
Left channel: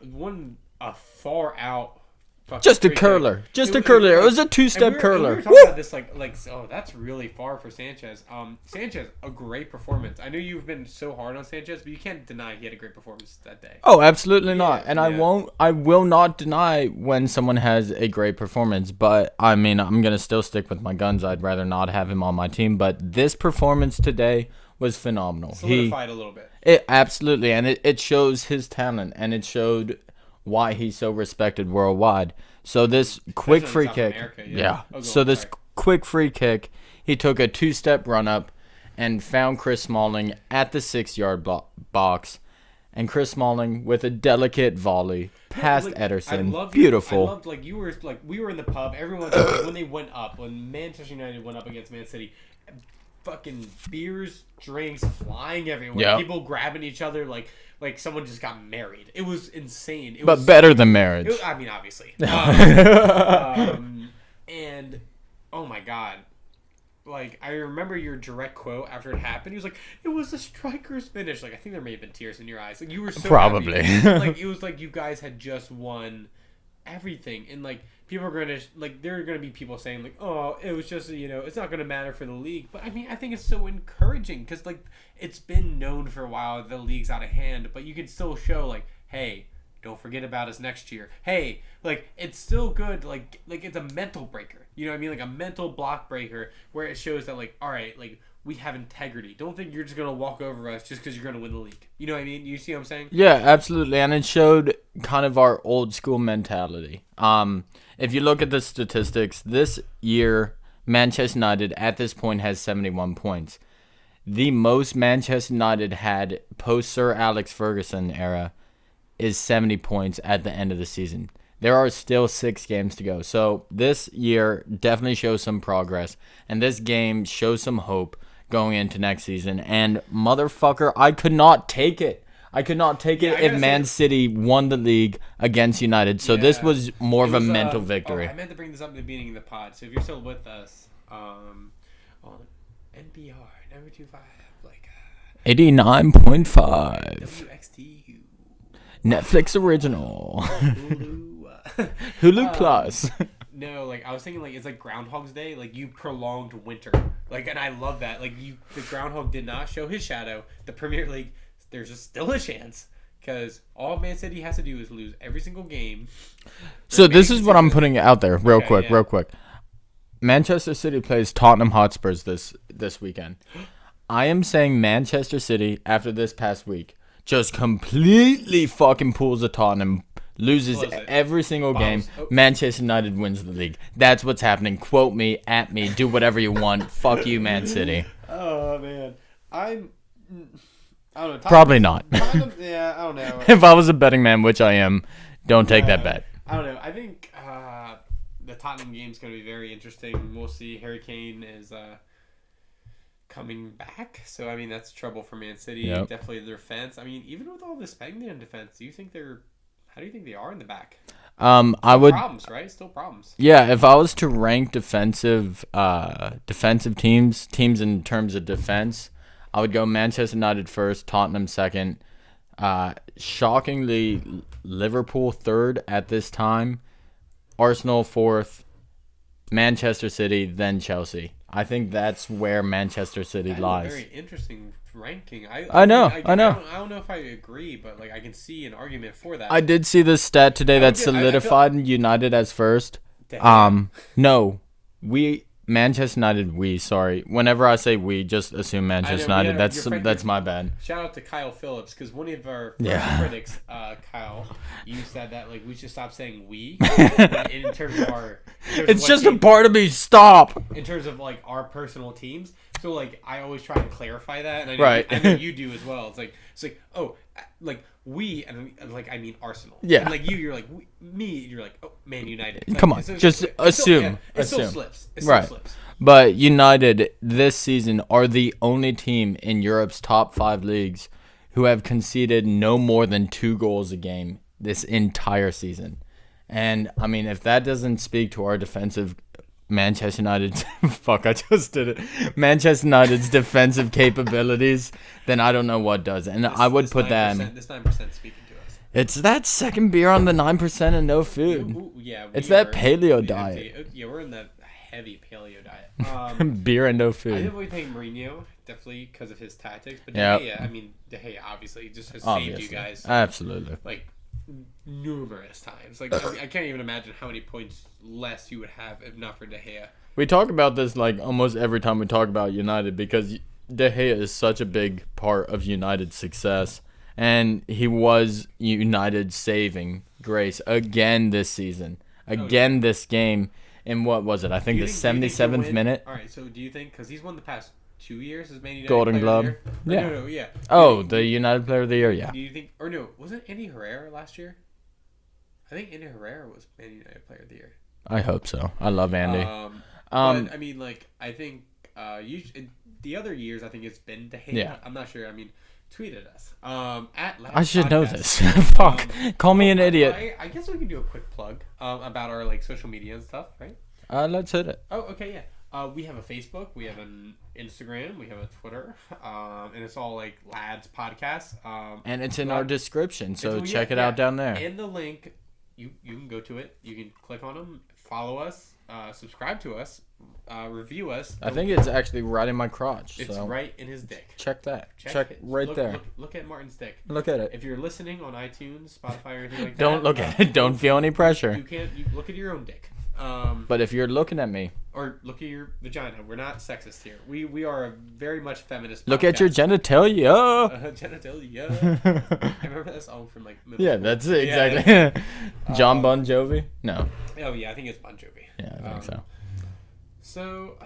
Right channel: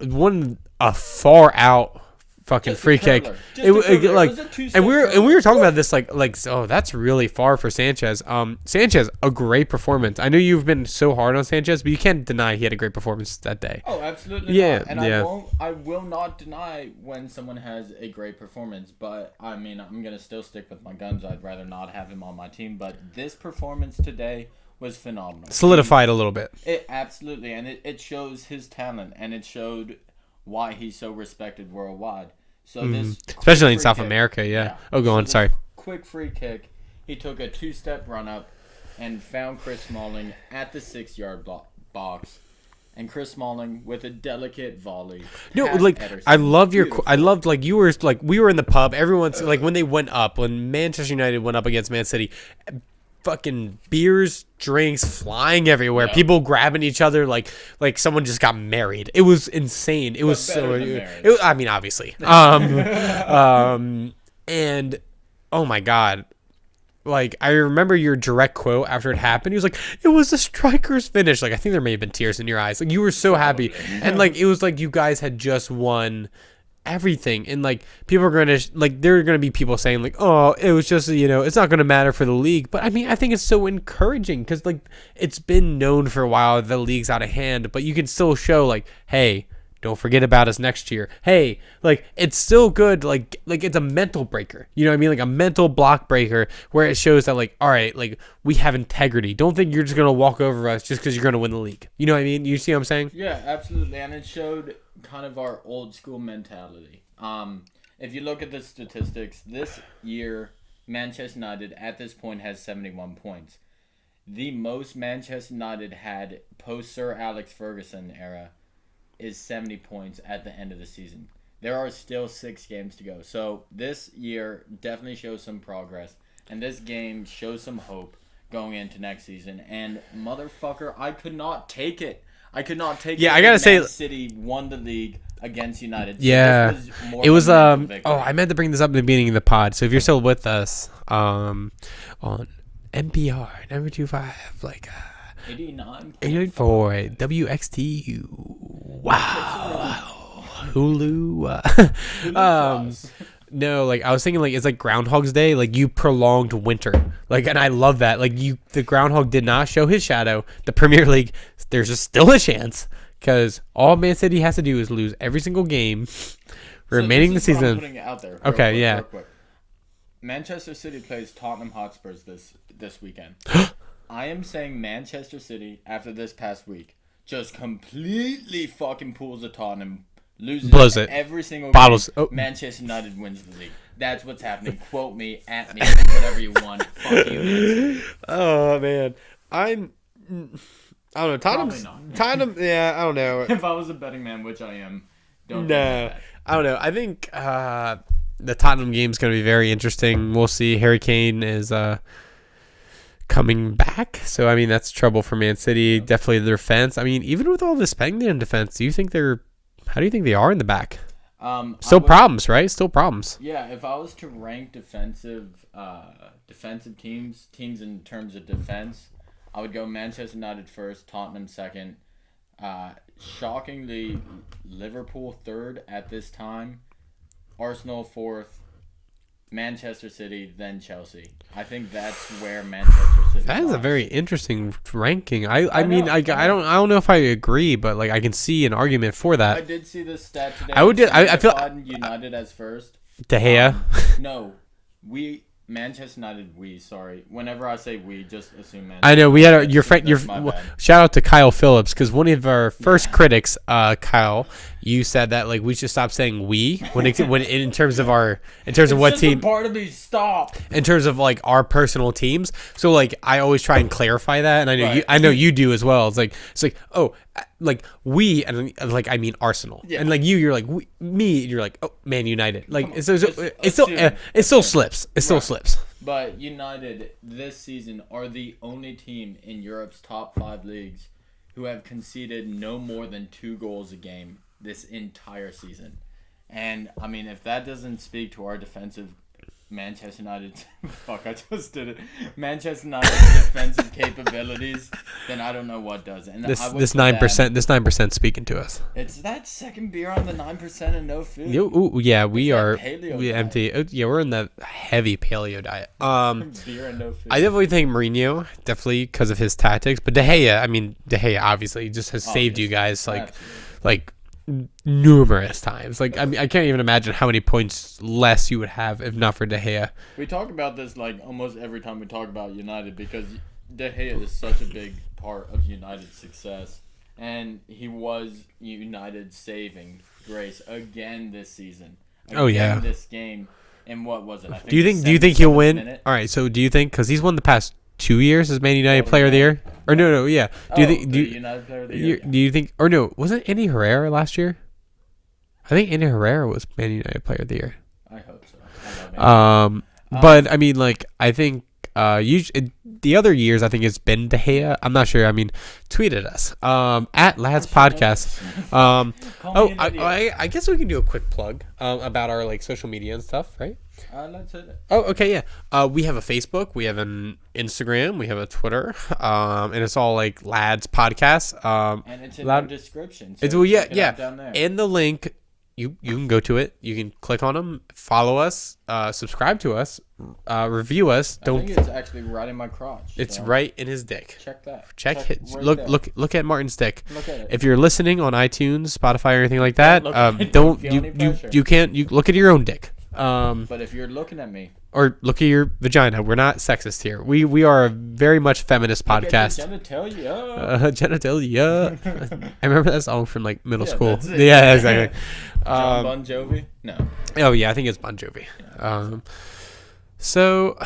A far out fucking just free a curler. kick. Just a curler. It was a two-step curler. And we were talking about this like oh, that's really far for Sanchez. Sanchez, a great performance. I know you've been so hard on Sanchez, but you can't deny he had a great performance that day. Oh, absolutely not. And I will not deny when someone has a great performance, but I mean, I'm going to still stick with my guns. I'd rather not have him on my team, but this performance today was phenomenal. Solidified a little bit. It absolutely, and it shows his talent, and it showed why he's so respected worldwide. So this especially in South America, yeah. Oh, go on. Sorry. Quick free kick, he took a two-step run up and found Chris Smalling at the 6-yard box, and Chris Smalling with a delicate volley past Ederson. I love I loved like you were like we were in the pub. Everyone's like when they went up, when Manchester United went up against Man City. Fucking beers, drinks flying everywhere. Yeah. People grabbing each other like someone just got married. It was insane. It was better than marriage. I mean, obviously. And oh my god, like I remember your direct quote after it happened. He was like, "It was a striker's finish." Like I think there may have been tears in your eyes. Like you were so happy, and like it was like you guys had just won everything, and like people are gonna like there are gonna be people saying like, oh, it was just it's not gonna matter for the league. But I mean, I think it's so encouraging because like it's been known for a while the league's out of hand, but you can still show like, hey, don't forget about us next year. Hey, like it's still good. Like it's a mental breaker. You know what I mean? Like a mental block breaker where it shows that like, all right, like we have integrity. Don't think you're just gonna walk over us just because you're gonna win the league. You know what I mean? You see what I'm saying? Yeah, absolutely. And it showed kind of our old school mentality. if you look at the statistics, this year, Manchester United at this point has 71 points. The most Manchester United had post Sir Alex Ferguson era is 70 points at the end of the season. There are still 6 games to go. So this year definitely shows some progress. And this game shows some hope going into next season. And motherfucker, I could not take it. I could not take it. I gotta say, Man City won the league against United. So this was more of a mental victory. Oh, I meant to bring this up in the beginning of the pod. So if you're still with us on NPR, number 25, 89.5 WXTU. Netflix original. Hulu. Hulu Plus. No, I was thinking it's like Groundhog's Day, you prolonged winter. And I love that. The groundhog did not show his shadow. The Premier League, there's just still a chance because all Man City has to do is lose every single game. So this is what I'm putting out there real quick. Manchester City plays Tottenham Hotspurs this weekend. I am saying Manchester City after this past week just completely fucking pulls a Tottenham, loses every single game. Manchester United wins the league. That's what's happening. Quote me, at me, do whatever you want. Fuck you, Man City. Oh man, I don't know. Probably not. Yeah, I don't know. If I was a betting man, which I am, don't take that bet. I don't know. I think the Tottenham game is going to be very interesting. We'll see. Harry Kane is coming back, so that's trouble for Man City. Yep. Definitely the defense. Even with all the spending in defense, how do you think they are in the back? Problems, right? Still problems. Yeah, if I was to rank defensive teams in terms of defense, I would go Manchester United first, Tottenham second, shockingly Liverpool third at this time, Arsenal fourth, Manchester City, then Chelsea. I think that's where Manchester City lies. That is a very interesting ranking. I know. I don't know if I agree, but I can see an argument for that. I did see this stat today that solidified United as first. De Gea. No, Manchester United. Sorry. Whenever I say we, just assume Manchester. I know United. we had your friend. That's my bad. Shout out to Kyle Phillips because one of our first critics, Kyle. You said that we should stop saying we when in terms of what just team. A part of me. Stop. In terms of our personal teams, so I always try and clarify that, and I know you do as well. It's we and I mean Arsenal. Yeah. And you're we, me. And you're Man United. Come on. Just assume. It still slips. It still slips. But United this season are the only team in Europe's top 5 leagues who have conceded no more than 2 goals a game this entire season. And if that doesn't speak to our defensive Manchester United I just did it. Manchester United's defensive capabilities, then I don't know what does. And I would this 9% speaking to us. It's that second beer on the 9% and no food. We are paleo diet. Empty. Yeah, we're in the heavy paleo diet. Beer and no food. I definitely think Mourinho, because of his tactics, but De Gea obviously just has saved you guys. Absolutely. Numerous times. I can't even imagine how many points less you would have if not for De Gea. We talk about this almost every time we talk about United because De Gea is such a big part of United's success, and he was United's saving grace again this season. This game. And what was it? I think. Do you think he'll win? Minute? All right. So do you think because he's won the past 2 years as Man United Golden Player of the Glove. Year? Or no, yeah. United Player of the Year, yeah. Do you think, or no, wasn't Andy Herrera last year? I think Andy Herrera was Man United Player of the Year. I hope so. I love Andy. But I think the other years, I think it's been De Gea. Yeah. I'm not sure. Tweet at us at Last Podcast. Call me an idiot. I guess we can do a quick plug about our social media and stuff, right? Let's hit it. Oh, okay, yeah. We have a Facebook, we have an Instagram, we have a Twitter, and it's all Lads Podcast. And it's in our description, so check it out down there. And the link, you can go to it. You can click on them, follow us, subscribe to us, review us. I think it's actually right in my crotch. It's right in his dick. Check that. Look at Martin's dick. Look at it. If you're listening on iTunes, Spotify, or anything like that, don't feel any pressure. You look at your own dick. But if you're looking at me, or look at your vagina. We're not sexist here. We are a very much feminist podcast. look at your genitalia. Genitalia. I remember that song from like middle school. That's it. Yeah, exactly. John Bon Jovi? No. Oh yeah, I think it's Bon Jovi. Yeah, I think so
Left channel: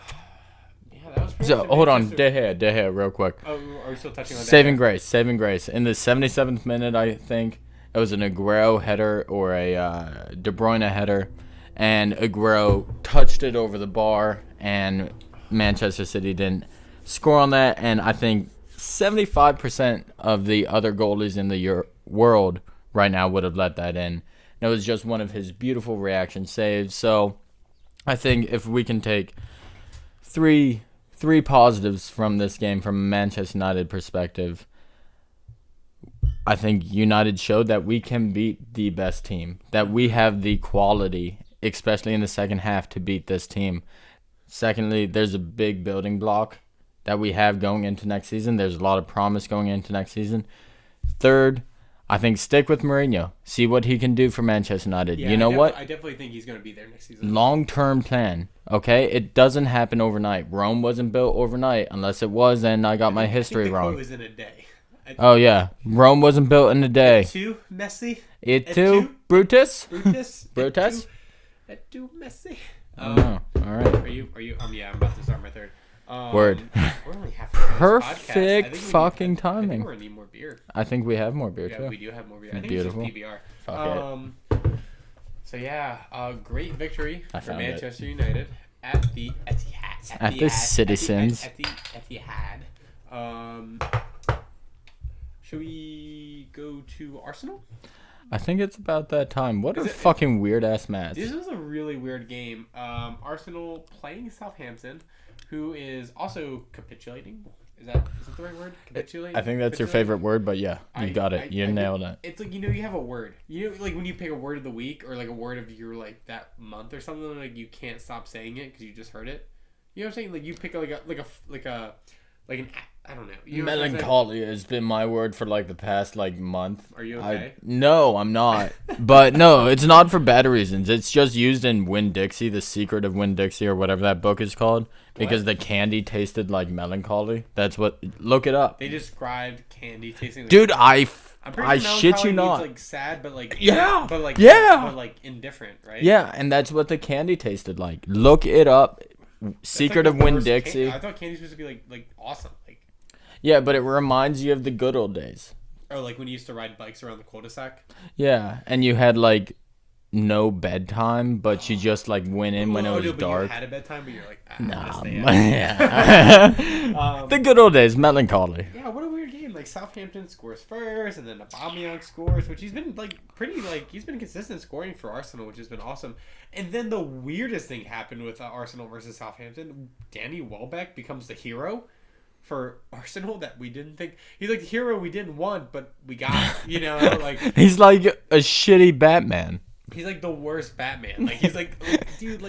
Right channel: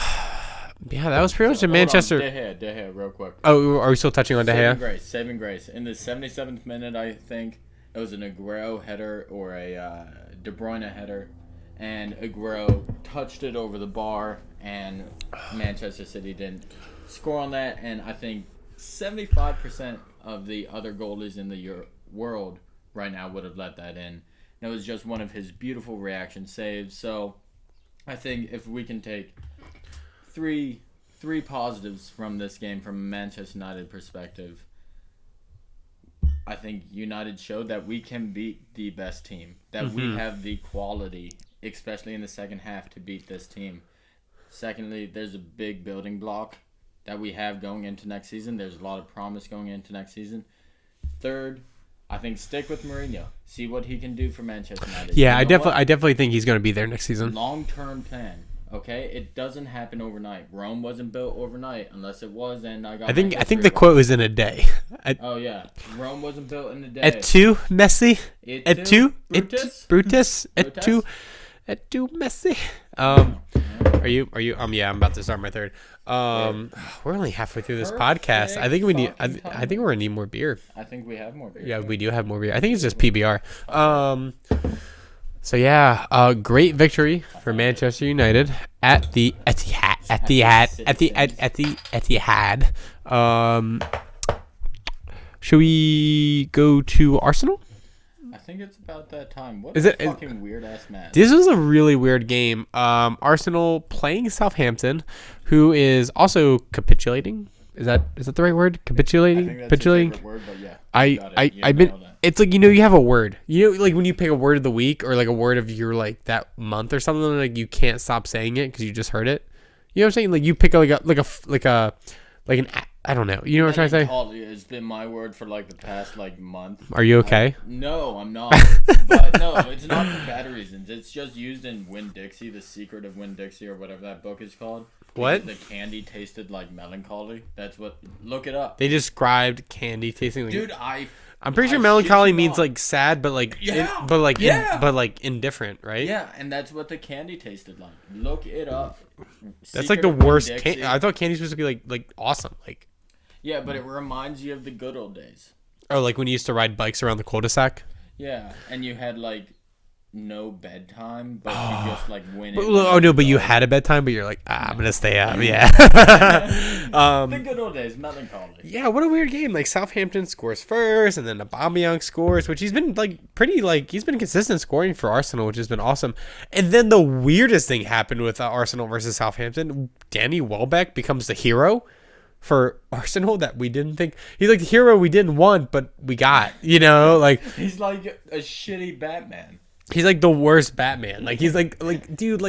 yeah, that was pretty much in hold Manchester. on, De Gea, real quick. Oh, are we still touching on De Gea? Saving grace. In the 77th minute, I think it was an Aguero header or a De Bruyne header, and Aguero touched it over the bar, and Manchester City didn't score on that. And I think 75% of the other goalies in the world right now would have let that in. That was just one of his beautiful reaction saves. So I think if we can take three positives from this game from a Manchester United perspective, I think United showed that we can beat the best team, that we have the quality, especially in the second half, to beat this team. Secondly, there's a big building block that we have going into next season. There's a lot of promise going into next season. Third, I think stick with Mourinho. See what he can do for Manchester United. Yeah, you know I definitely think he's going to be there next season. Long-term plan, okay? It doesn't happen overnight. Rome wasn't built overnight. Unless it was, then I got my history I think the wrong. quote was in a day. Oh, yeah. Rome wasn't built in a day. Et tu, Messi? Et Et tu, Brutus? Brutus? Et Brutus? tu, Messi? All right. Are you? Yeah, I'm about to start my third. Word. We're only halfway through this podcast. I think we need. fucking I think timing. we're gonna need more beer. I think we have more beer. Yeah, too. we do have more beer. I think it's just Beautiful. PBR. So yeah, great victory for found Manchester United at the Etihad. At the Citizens. At the Etihad. Should we go to Arsenal? I think it's about that time. What Is a it- fucking weird-ass match. This was a really weird game. Arsenal playing Southampton, who is also capitulating. Is that the right word? Capitulating. I think that's your Capitulating? favorite word, but yeah, I you got it. You I've nailed been, it. It's like, you have a word. Like when you pick a word of the week or like a word of your like that month or something, like you can't stop saying it because you just heard it. You know what I'm saying? Like you pick I don't know. You know what I'm trying to say? Melancholy has been my word for like the past like month. Are you okay? No, I'm not. But no, it's not for bad reasons. It's just used in Winn-Dixie, The Secret of Winn-Dixie, or whatever that book is called. Because What? the candy tasted like melancholy. That's what. Look it up. They described candy tasting. Like, Dude, I'm pretty sure shit melancholy you means not. like sad, but like Yeah. but like Yeah. but like indifferent, right? Yeah, and that's what the candy tasted like. Look it up. That's Secret like the of worst. Winn-Dixie. I thought candy's supposed to be like awesome, like Yeah, but it reminds you of the good old days. or like when you used to ride bikes around the cul-de-sac. Yeah, and you had like no bedtime, but you just like went in. Oh no, but you had a bedtime, but you're like, I'm gonna stay up. Yeah. the good old days, melancholy. Yeah, what a weird game. Like Southampton scores first, and then Aubameyang scores, which he's been like he's been consistent scoring for Arsenal, which has been awesome. And then the weirdest thing happened with Arsenal versus Southampton. Danny Welbeck becomes the hero for Arsenal that we didn't think he's like the hero we didn't want, but we got. Like He's like a shitty Batman. he's like the worst Batman. Like he's like dude,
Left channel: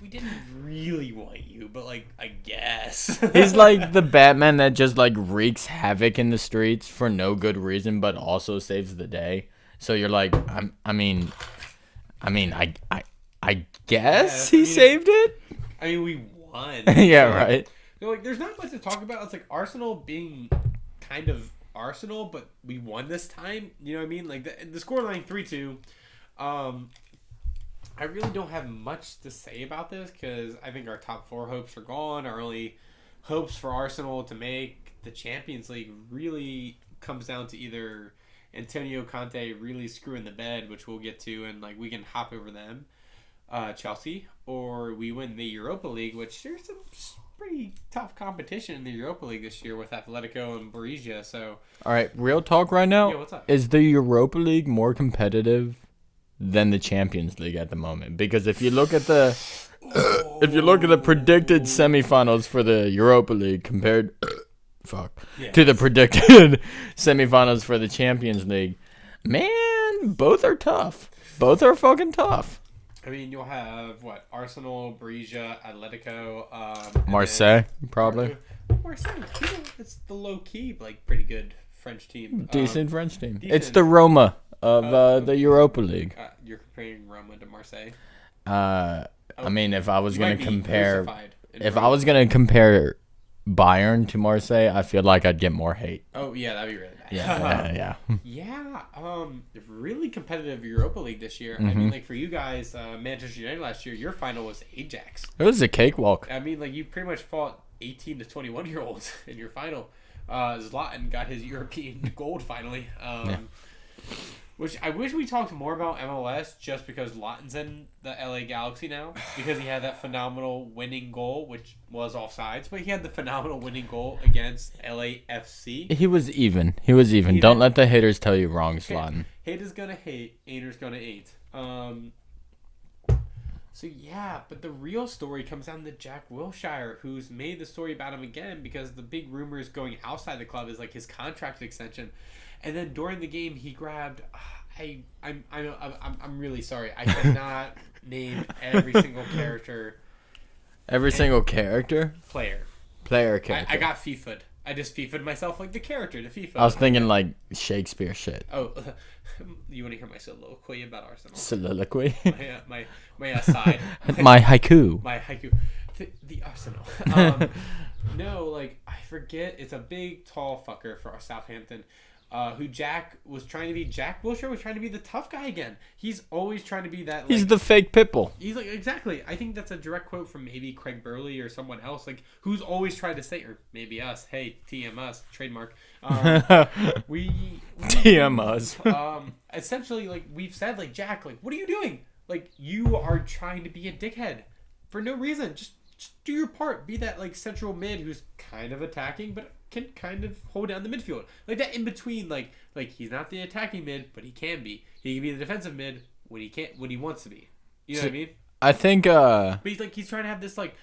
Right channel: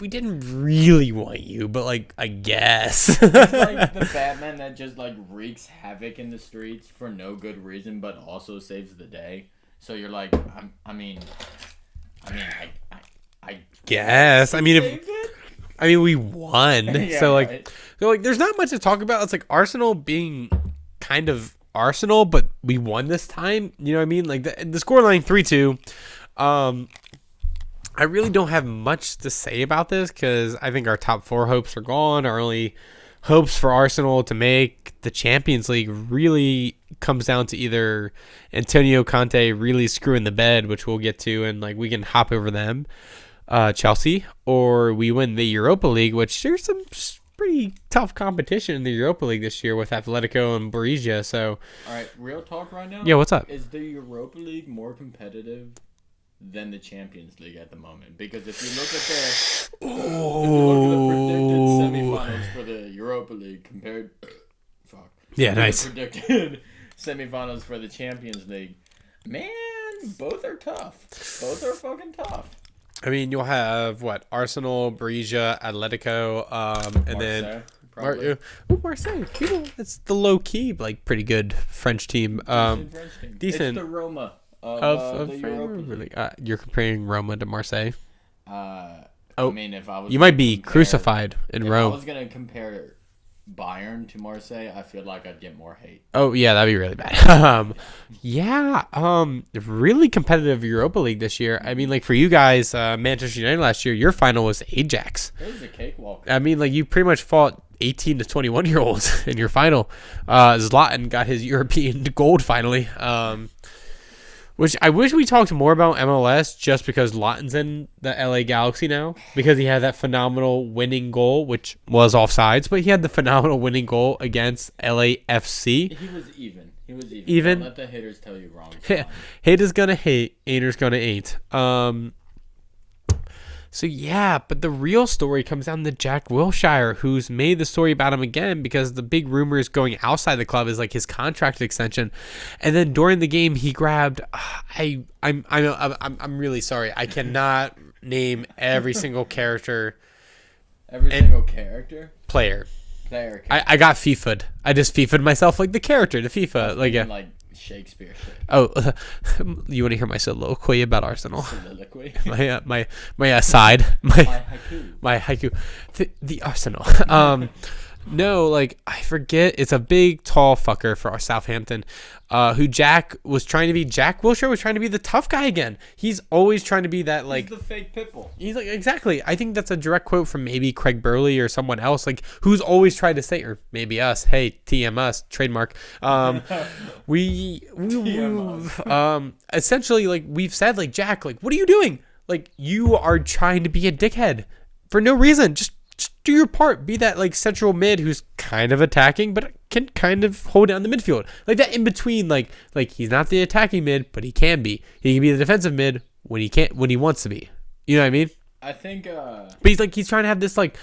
we didn't really want you, but like I guess He's like the Batman that just like wreaks havoc in the streets for no good reason, but also saves the day. So you're like, I guess Yes, he saved it. I mean, we won. Yeah, so, like, right. So like, there's not much to talk about. It's like Arsenal being kind of Arsenal, but we won this time. You know what I mean? Like the scoreline 3-2. I really don't have much to say about this because I think our top 4 hopes are gone. Our only hopes for Arsenal to make the Champions League really comes down to either Antonio Conte really screwing the bed, which we'll get to, and like we can hop over them, Chelsea, or we win the Europa League, which there's some pretty tough competition in the Europa League this year with Atletico and Borussia. So, All right, real talk right now. yeah, what's up? Is the Europa League more competitive than the Champions League at the moment? Because if you look at the predicted semifinals for the Europa League compared to the predicted semifinals for the Champions League, man, both are tough. Both are fucking tough. I mean, you'll have what? Arsenal, Borussia, Atletico, and Marseille, then, probably. Marseille. It's the low key, like pretty good French team. Decent French team. decent. It's the Roma of the Europa League. You're comparing Roma to Marseille. I mean, if I was You gonna might be crucified in if Rome. I was gonna compare Bayern to Marseille, I feel like I'd get more hate. Oh yeah, that'd be really bad. Yeah. Yeah, really competitive Europa League this year. I mean, like for you guys, Manchester United last year, your final was Ajax. It was a cakewalk. I mean, like you pretty much fought 18 to 21 year olds in your final. Zlatan got his European gold finally. Which I wish we talked more about MLS just because Lawton's in the LA Galaxy now because he had that phenomenal winning goal, which was offsides, but he had the phenomenal winning goal against LAFC. He was even. Don't let the haters tell you wrong, Swan. Haters gonna hate, haters gonna ain't. So yeah, but the real story comes down to Jack Wilshere, who's made the story about him again because the big rumors going outside the club is like his contract extension, and then during the game he grabbed. I'm really sorry, I cannot name every single character, Single character, player. Character. I got FIFA'd. I just FIFA'd myself like the character, the FIFA. I was thinking like Shakespeare shit. Oh, you want to hear my soliloquy about Arsenal? Soliloquy. my aside. My haiku. My haiku. The Arsenal. No, like I forget. It's a big, tall fucker for our Southampton, who Jack was trying to be. Jack Wilshere was trying to be the tough guy again. He's always trying to be that. Like he's the fake pitbull. He's like exactly. I think that's a direct quote from maybe Craig Burley or someone else. Like who's always tried to say, or maybe us. Hey, TM us trademark. We TM us. Essentially, like we've said, like Jack, like what are you doing? Like you are trying to be a dickhead for no reason. Just do your part. Be that like central mid who's kind of attacking, but can kind of hold down the midfield. Like that in between. Like he's not the attacking mid, but he can be. He can be the defensive mid when he wants to be. You know what I mean? I think. But he's trying to have this like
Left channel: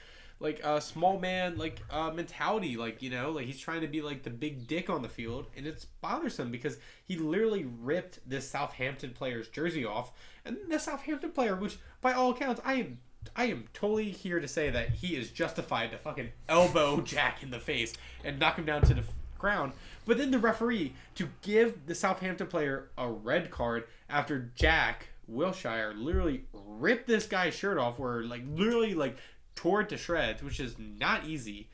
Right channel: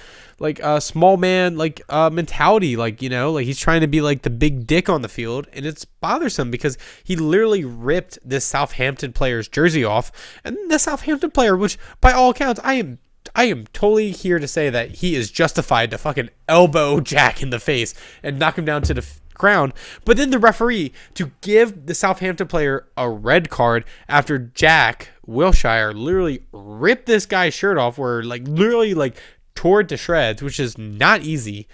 small man mentality. Like like he's trying to be like the big dick on the field, and it's bothersome because he literally ripped this Southampton player's jersey off, and the Southampton player, which by all accounts I am totally here to say that he is justified to fucking elbow Jack in the face and knock him down to the ground. But then the referee to give the Southampton player a red card after Jack Wilshere literally ripped this guy's shirt off, where literally tore it to shreds, which is not easy.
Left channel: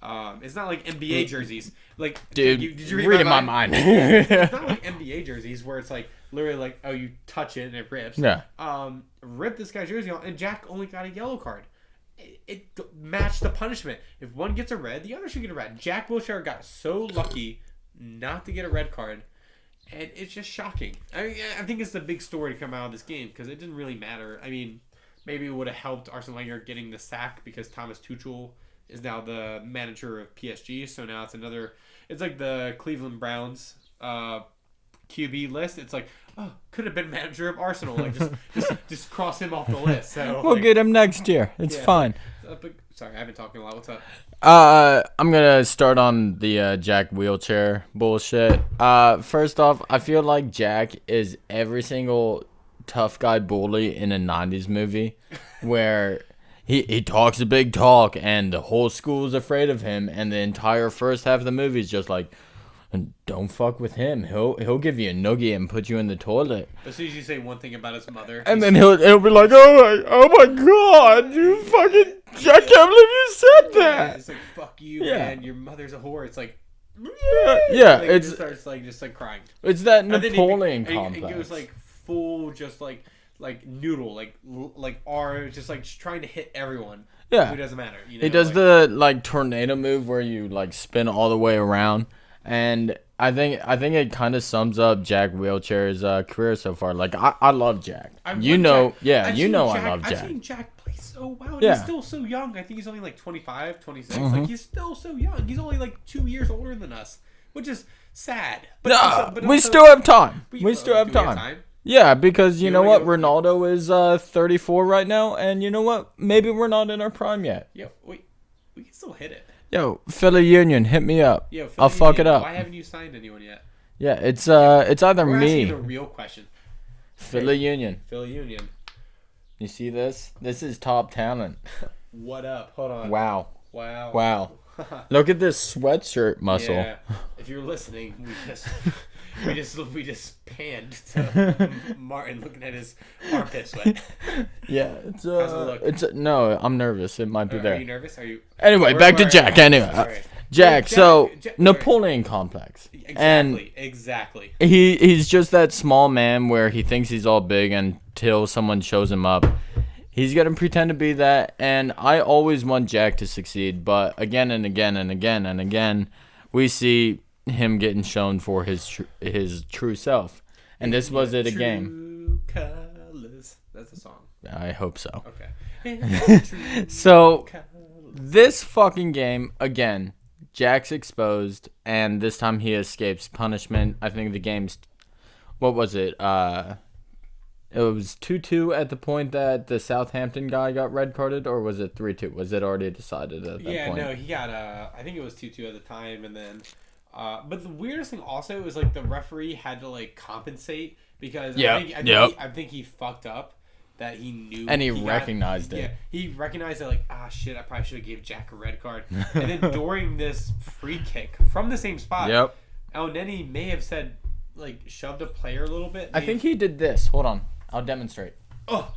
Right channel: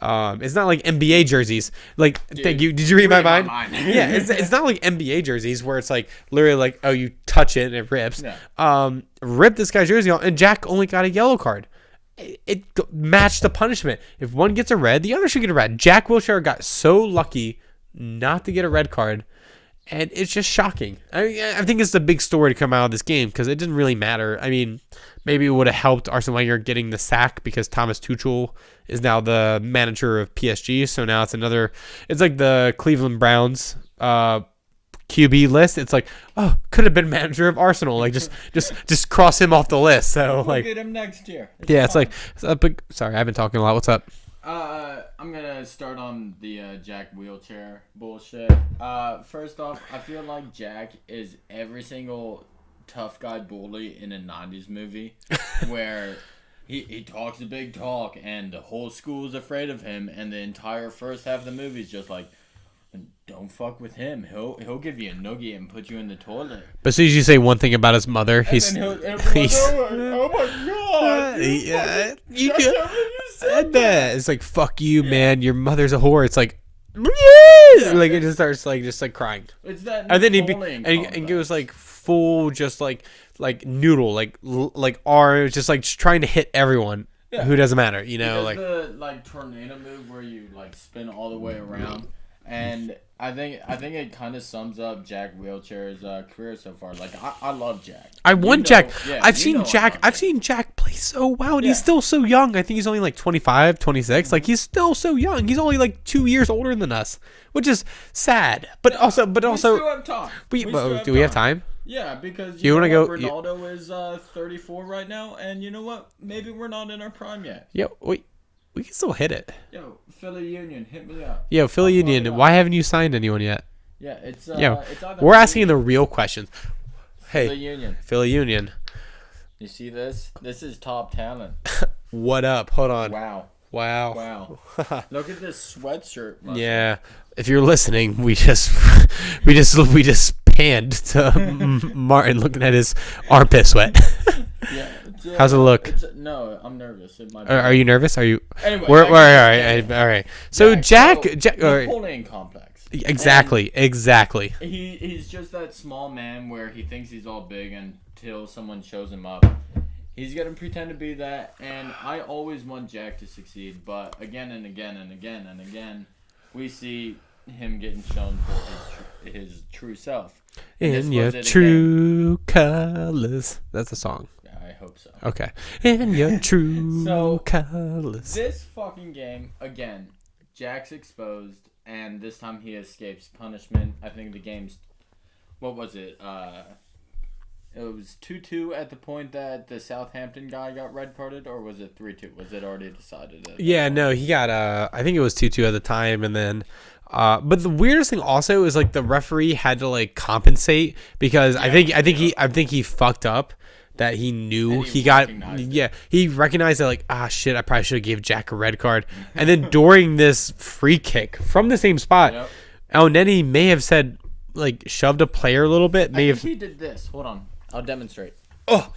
It's not like NBA jerseys. Like, dude, did you read my mind? Yeah, it's not like NBA jerseys where it's like literally like, oh, you touch it and it rips. Yeah. Ripped this guy's jersey off, and Jack only got a yellow card. It matched the punishment. If one gets a red, the other should get a red. Jack Wilshere got so lucky not to get a red card, and it's just shocking. I think it's the big story to come out of this game because it didn't really matter. I mean, maybe it would have helped Arsene Wenger getting the sack because Thomas Tuchel is now the manager of PSG. So now it's like the Cleveland Browns QB list. It's like, oh, could have been manager of Arsenal. Like just cross him off the list. So we'll get him next year. It's fine. It's like, but sorry, I've been talking a lot. What's up? I'm gonna start on the Jack Wilshere bullshit. First off, I feel like Jack is every single tough guy bully in a 90s movie where he talks a big talk and the whole school's afraid of him, and the entire first half of the movie is just like, don't fuck with him. He'll give you a noogie and put you in the toilet. But as soon as you say one thing about his mother, and then he'll be like, oh my god, I can't believe you said that. It's like, fuck you, man. Your mother's a whore. It's like, yeah, like it just starts just crying. It's that Napoleon and goes like full just like noodle like R, just like trying to hit everyone. Yeah, who doesn't matter. He does the tornado move where you spin all the way around. And I think it kind of sums up Jack Wilshere's career so far. Like I love Jack. Jack. Yeah, I've seen Jack play so well, and he's still so young. I think he's only 25, 26. Like he's still so young. He's only 2 years older than us, which is sad. But also, we still have time. Do we have time? Yeah, because you know what? Ronaldo is 34 right now, and you know what? Maybe we're not in our prime yet. Yeah, we can still hit it. Yo, Philly Union, hit me up. Yo, Philly Union, why haven't you signed anyone yet? Yeah, it's either we're asking the real questions. Philly Union. Philly Union. You see this? This is top talent. What up? Hold on. Wow. Look at this sweatshirt muscle. Yeah. If you're listening, we just hand to Martin looking at his armpit sweat. Yeah. How's it look? No, I'm nervous. It might be. Are you nervous? Are you? Anyway, back to Jack. All right. Jack. So Napoleon complex. Exactly. He's just that small man where he thinks he's all big until someone shows him up. He's gonna pretend to be that, and I always want Jack to succeed, but again and again and again and again, we see him getting shown for his true self. And this was it true again. colors. That's a song. I hope so. Okay. In your true colors. This fucking game, again, Jack's exposed, and this time he escapes punishment. I think the game's... What was it? It was 2-2 at the point that the Southampton guy got red carded, or was it 3-2? Was it already decided at that point? No, he got... I think it was 2-2 at the time, and then... but the weirdest thing also is like the referee had to like compensate because I think he fucked up that he knew and he got he recognized that like shit, I probably should have gave Jack a red card, and then during this free kick from the same spot, El Neni may have said like shoved a player a little bit. I think he did this. Hold on, I'll demonstrate. Oh.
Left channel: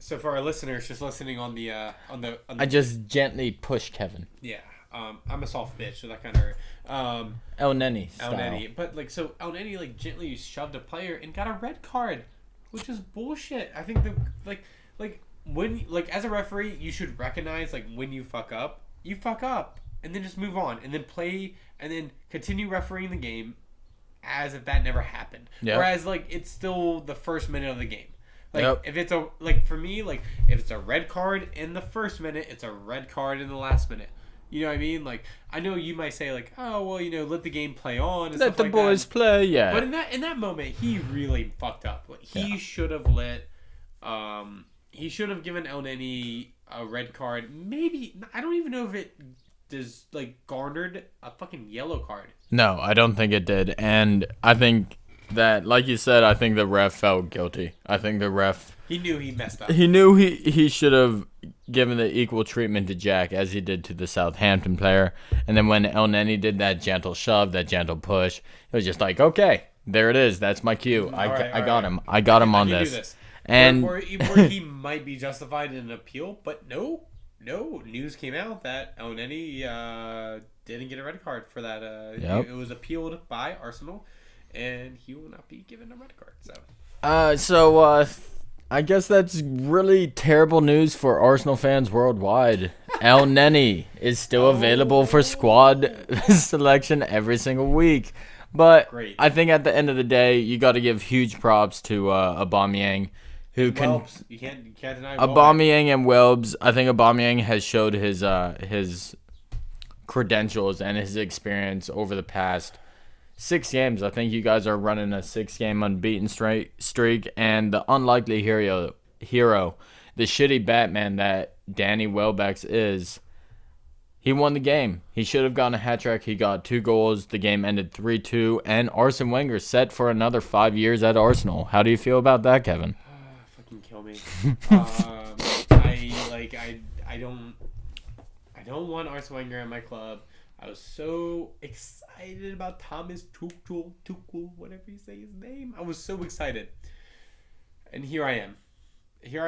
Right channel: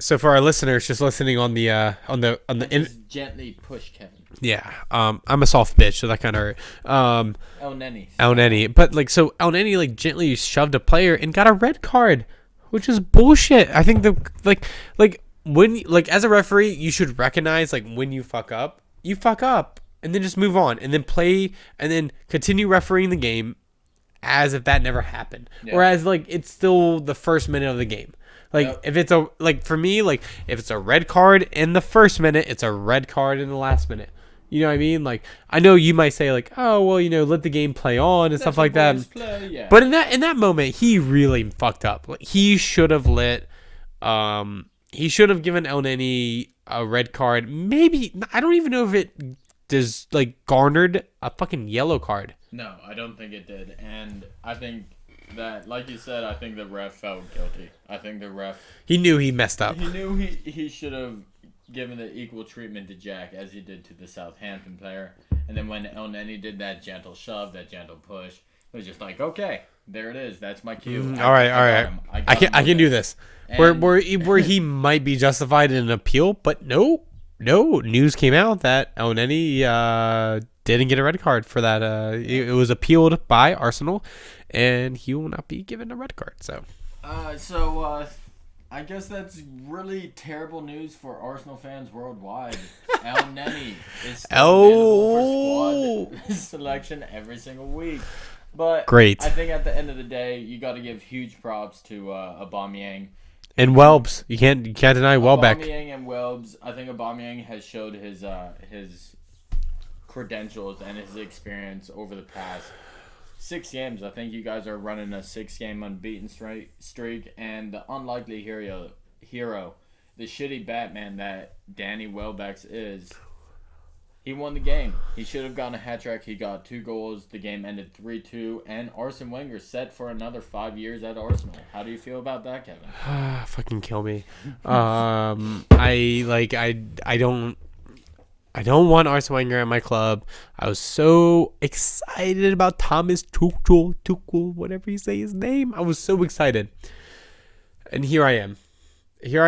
So for our listeners just listening on the I just gently push Kevin. Yeah. I'm a soft bitch, so that kind of hurt. El Neni. But like so El Neni like gently shoved a player and got a red card, which is bullshit. I think the when as a referee, you should recognize like when you fuck up and then just move on and then play and then continue refereeing the game as if that never happened. Yeah. Whereas like it's still the first minute of the game. Like if it's for me, like if it's a red card in the first minute, it's a red card in the last minute. You know what I mean? Like I know you might say like, oh well, let the game play on and stuff like that. Boys play, yeah. But in that moment, he really fucked up. Like he should have he should have given El Neni a red card. Maybe I don't even know if it does like garnered a fucking yellow card. No, I don't think it did, and I think. That, like you said, I think the ref felt guilty. I think the ref... He knew he messed up. He knew he should have given the equal treatment to Jack as he did to the Southampton player. And then when El Neni did that gentle shove, that gentle push, it was just like, okay, there it is. That's my cue. All right. I got him I can do this. And where he might be justified in an appeal, but no. News came out that El Neni didn't get a red card for that. It was appealed by Arsenal. And he will not be given a red card. So I guess that's really terrible news for Arsenal fans worldwide. El Neni is still available for squad selection every single week. But great. I think at the end of the day, you got to give huge props to Aubameyang. And Welbs. You can't deny Welbeck. Aubameyang and Welbs. I think Aubameyang has showed his credentials and his experience over the past 6 games. I think you guys are running a 6-game unbeaten streak, and the unlikely hero, the shitty Batman that Danny Welbeck is, he won the game. He should have gotten a hat trick. He got 2 goals. The game ended 3-2, and Arsene Wenger set for another 5 years at Arsenal. How do you feel about that, Kevin? Fucking kill me. I don't want Arsene Wenger at my club. I was so excited about Thomas Tuchel, whatever you say his name. I was so excited. And here I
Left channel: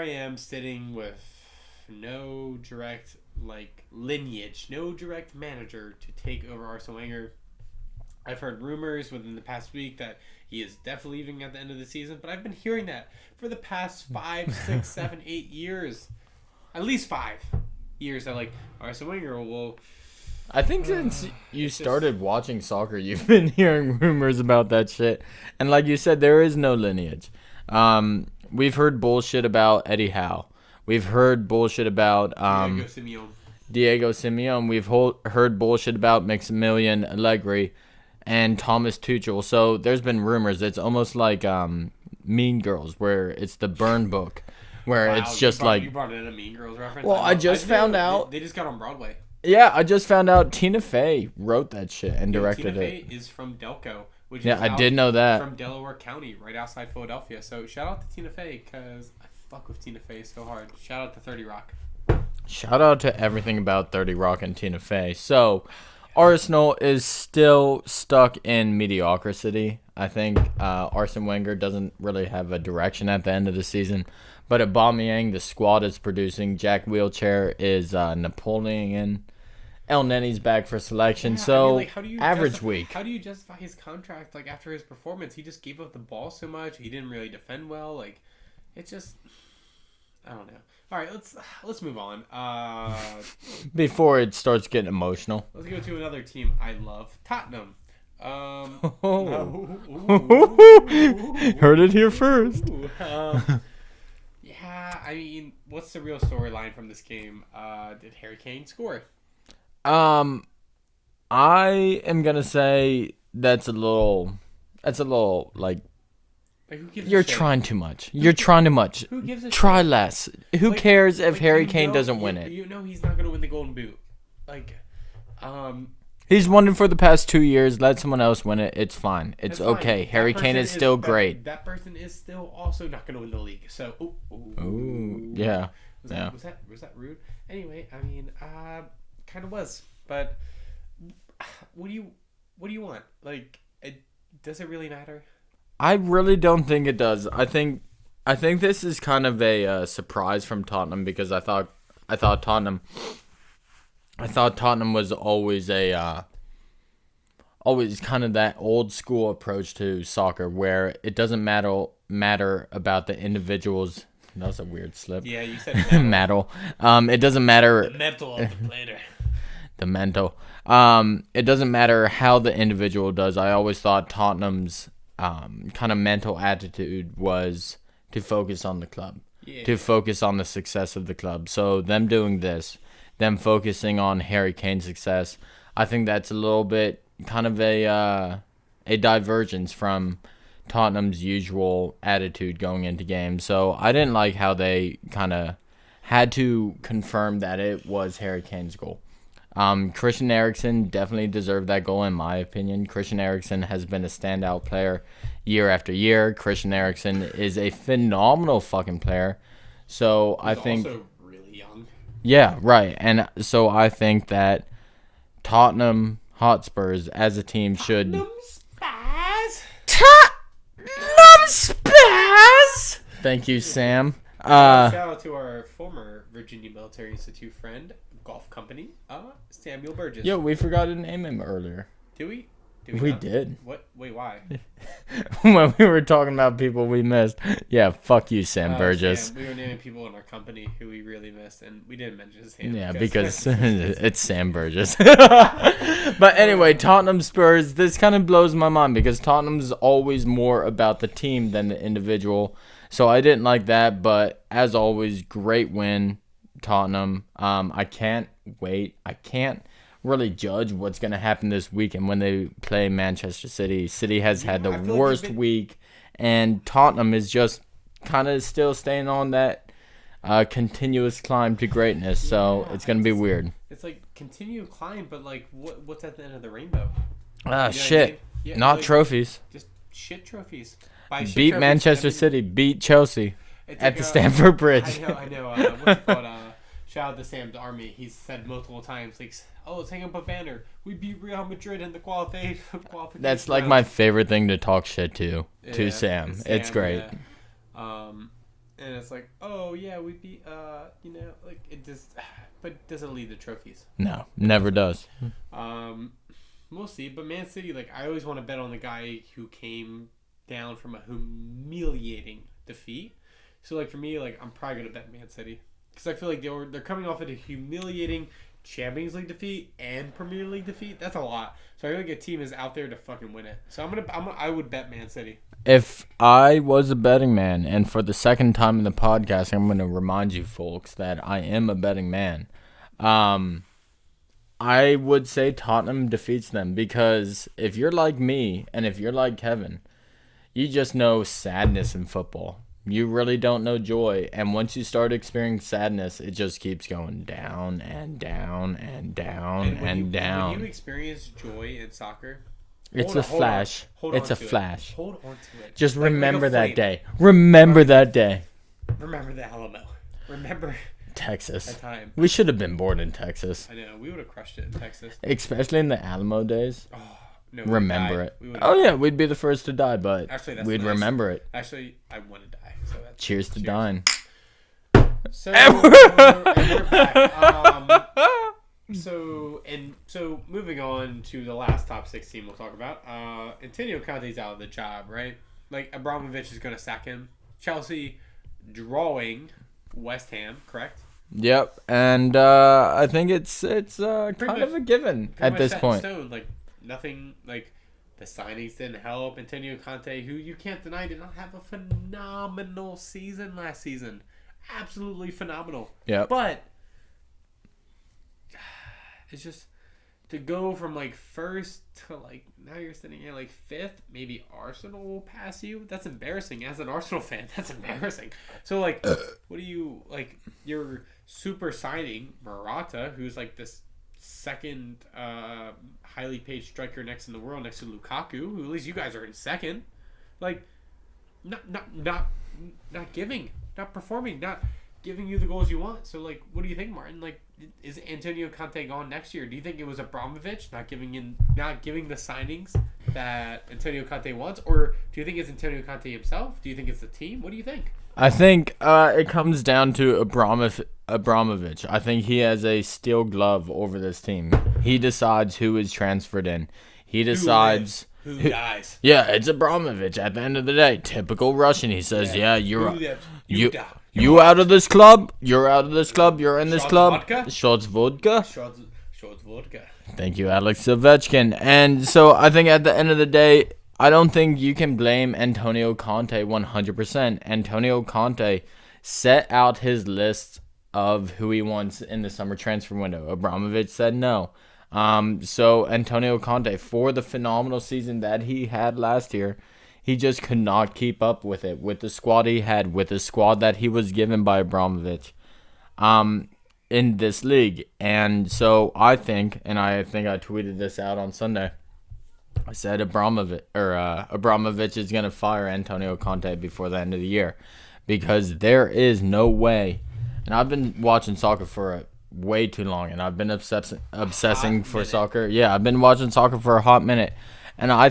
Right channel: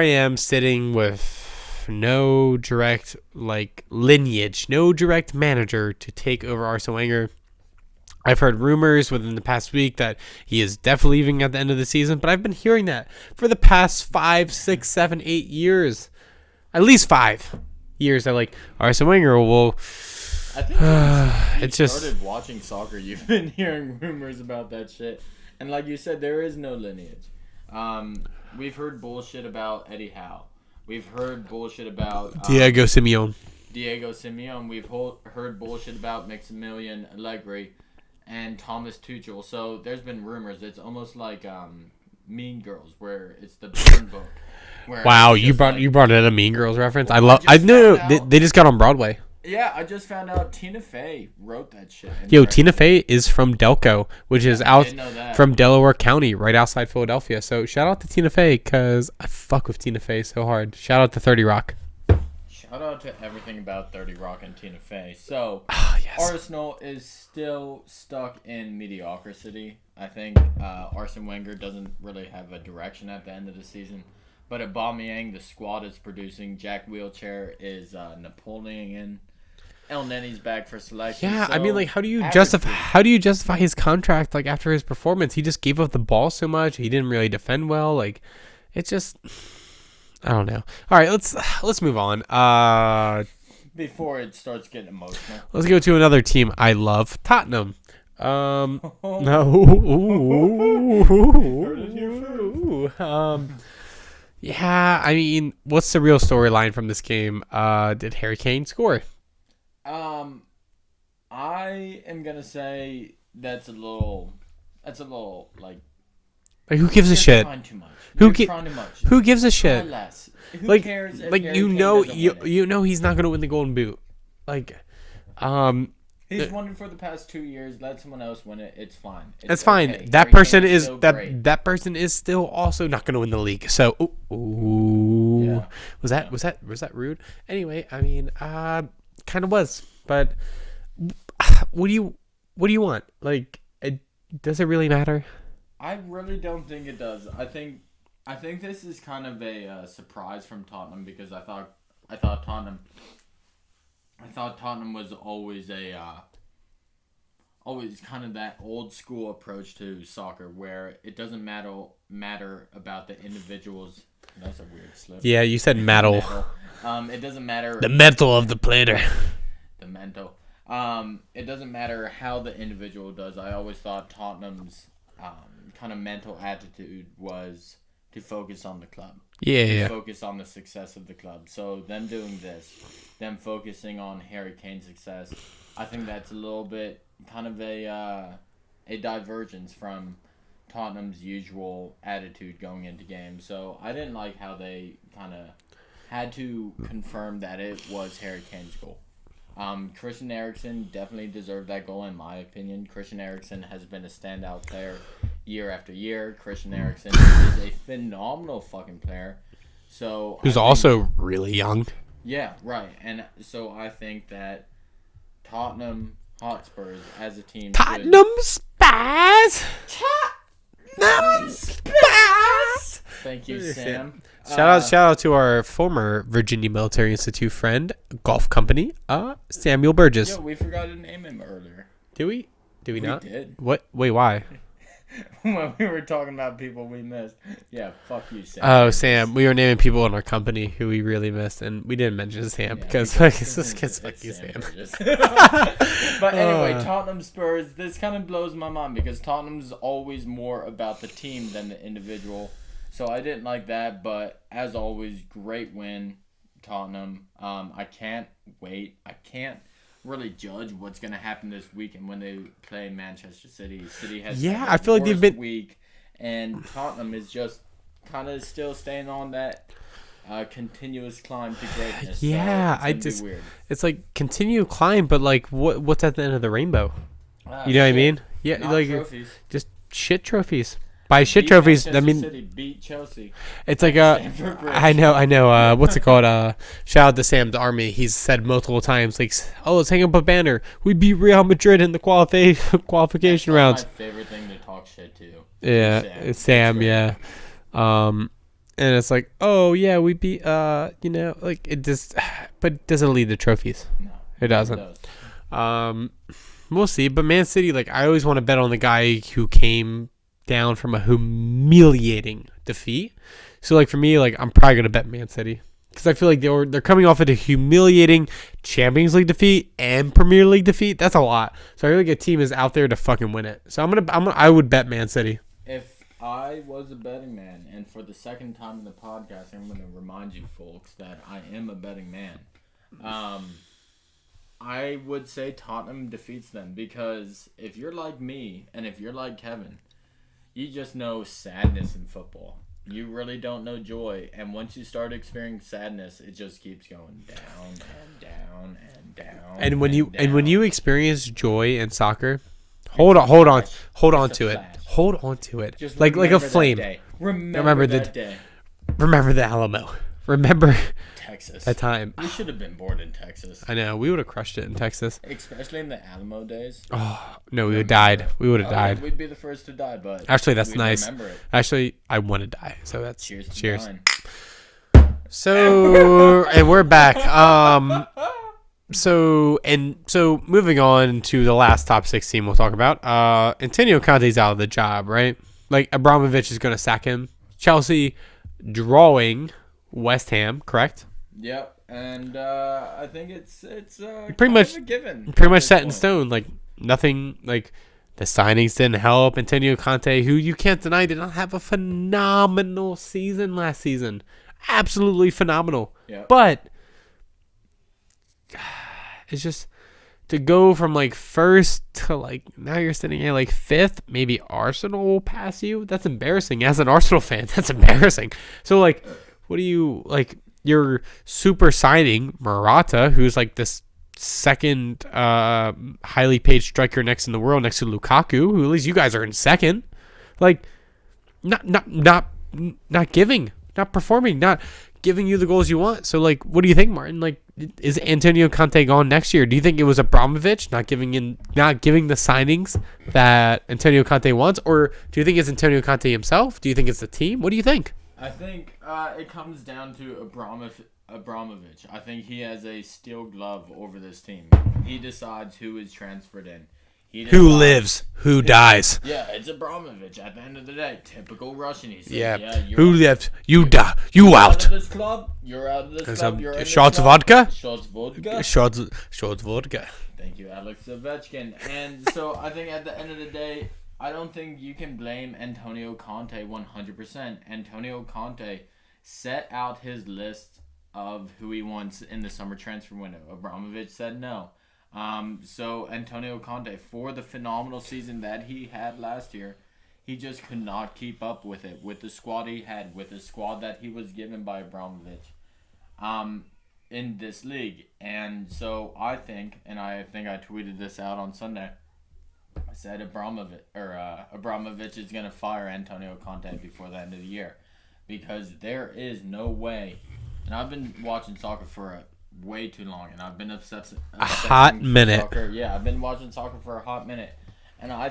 am sitting with no direct lineage, no direct manager to take over Arsene Wenger. I've heard rumors within the past week that he is definitely leaving at the end of the season, but I've been hearing that for the past 5, 6, 7, 8 years. At least 5 years that Arsene Wenger will... I think since you started watching soccer, you've been hearing rumors about that shit. And like you said, there is no lineage. We've heard bullshit about Eddie Howe. We've heard bullshit about... Diego Simeone. We've heard bullshit about Maximilian Allegri and Thomas Tuchel. So there's been rumors. It's almost like Mean Girls, where it's the burn book. Wow, you brought in a Mean Girls reference. Well, I knew they just got on Broadway. Yeah, I just found out Tina Fey wrote that shit. Tina Fey is from Delco, which is I did know that. From Delaware County, right outside Philadelphia. So shout out to Tina Fey because I fuck with Tina Fey so hard. Shout out to 30 Rock. Shout out to everything about 30 Rock and Tina Fey. So, Arsenal is still stuck in mediocrity. I think Arsene Wenger doesn't really have a direction at the end of the season. But at Aubameyang, the squad is producing. Jack Wheelchair is Napoleon. El Nenny's back for selection. Yeah, so I mean, like, how do you justify his contract? Like, after his performance, he just gave up the ball so much. He didn't really defend well. Like, it's just, I don't know. All right, let's move on. Before it starts getting emotional, let's go to another team I love, Tottenham. No, heard it here first. Yeah, I mean, what's the real storyline from this game? Did Harry Kane score? I am gonna say that's a little like who gives a shit? You're trying too much. You're trying too much. Who gives a Try shit? less. Who cares if Harry Kane doesn't win it? You know he's not gonna win the Golden Boot. Like, he's won it for the past 2 years. Let someone else win it. It's fine. It's fine. okay. That Harry person Kane is still great. That person is still also not gonna win the league. So, yeah. Was that rude? Anyway, I mean, kind of was, but what do you want? Like, does it really matter? I really don't think it does. I think this is kind of a surprise from Tottenham because I thought Tottenham was always always kind of that old school approach to soccer where it doesn't matter about the individuals. That was a weird slip. Yeah, you said metal. Metal. It doesn't matter the mental of the player. The mental. It doesn't matter how the individual does. I always thought Tottenham's kind of mental attitude was to focus on the club. Focus on the success of the club. So them doing this, them focusing on Harry Kane's success, I think that's a little bit kind of a divergence from Tottenham's usual attitude going into games. So I didn't like how they kind of had to confirm that it was Harry Kane's goal. Christian Eriksen definitely deserved that goal in my opinion. Christian Eriksen has been a standout player year after year. Christian Eriksen is a phenomenal fucking player. So he's also really young. Yeah, right. And so I think that Tottenham Hotspurs as a team should... Tottenham Spurs! Thank you, Sam. Shout out to our former Virginia Military Institute friend, golf company, Samuel Burgess. Yeah, we forgot to name him earlier. Did we? Did we We not? did. What? Wait, why? When we were talking about people we missed. Yeah, fuck you, Sam Oh, Burgess. Sam. We were naming people in our company who we really missed, and we didn't mention Sam Yeah, because it's Sam Burgess. But anyway, Tottenham Spurs, this kind of blows my mind because Tottenham's always more about the team than the individual. So I didn't like that, but as always, great win, Tottenham. I can't wait. I can't really judge what's going to happen this weekend when they play Manchester City. City has had their worst week, and Tottenham is just kind of still staying on that continuous climb to greatness. So it's going to be weird. It's like continue climb, but like what's at the end of the rainbow? You know shit. what I mean? Yeah, not like, trophies. Just shit trophies. By shit beat trophies, Manchester I mean, City beat Chelsea. It's at like the Stamford Bridge. I know. What's it called? Shout out to Sam the Army. He's said multiple times, like, "Oh, let's hang up a banner. We beat Real Madrid in the qualification That's rounds." my favorite thing to talk shit to. Yeah, to Sam. It's Sam. It's great. Yeah. And it's like, oh yeah, we beat. Like it just, but it doesn't lead to trophies. No, It never doesn't. does. We'll see. But Man City, like, I always want to bet on the guy who came down from a humiliating defeat. So like for me, like I'm probably gonna bet Man City because I feel like they're coming off of a humiliating Champions League defeat and Premier League defeat. That's a lot. So I feel like a team is out there to fucking win it. So I would bet Man City. If I was a betting man, and for the second time in the podcast, I'm going to remind you folks that I am a betting man. I would say Tottenham defeats them because if you're like me and if you're like Kevin, you just know sadness in football. You really don't know joy. And once you start experiencing sadness, it just keeps going down and down and down. And when you experience joy in soccer, Hold on to it. Just like a that flame. day. Remember that day. Remember the Alamo. Remember Texas. That time. We should have been born in Texas. I know. We would have crushed it in Texas. Especially in the Alamo days. Oh, no, we would have died. It. We would have died. died. Yeah, we'd be the first to die, but actually, that's we'd nice. remember it. Actually, I want to die. So that's cheers to dying. So and we're back. So moving on to the last top 6 team we'll talk about. Antonio Conte's out of the job, right? Like Abramovich is going to sack him. Chelsea drawing West Ham, correct? Yep, and I think it's pretty much a given. Pretty much set in stone. Like nothing. Like the signings didn't help. Antonio Conte, who you can't deny, did not have a phenomenal season last season. Absolutely phenomenal. Yeah, but it's just to go from like first to like now you're sitting at like 5th. Maybe Arsenal will pass you. That's embarrassing. As an Arsenal fan, that's embarrassing. So like, what do you like? You're super signing Morata, who's like this second highly paid striker next in the world, next to Lukaku, who at least you guys are in second. Like, not giving, not performing, not giving you the goals you want. So like, what do you think, Martin? Like, is Antonio Conte gone next year? Do you think it was Abramovich not giving the signings that Antonio Conte wants, or do you think it's Antonio Conte himself? Do you think it's the team? What do you think? I think it comes down to Abramovich. I think he has a steel glove over this team. He decides who is transferred in. He decides who lives, who dies. Yeah, it's Abramovich. At the end of the day, typical Russian. He says, "Yeah, you're who lives, you die, you out of this club. You're out of this club. You're in this club." Vodka. Shots vodka. Shots vodka. Thank you, Alex Ovechkin. And so I think at the end of the day, I don't think you can blame Antonio Conte 100%. Antonio Conte set out his list of who he wants in the summer transfer window. Abramovich said no. So Antonio Conte, for the phenomenal season that he had last year, he just could not keep up with it, with the squad he had, with the squad that he was given by Abramovich in this league. And so I think I tweeted this out on Sunday, I said Abramovich is going to fire Antonio Conte before the end of the year, because there is no way. And I've been watching soccer for way too long, and I've been obsessing for soccer. Yeah, I've been watching soccer for a hot minute, and I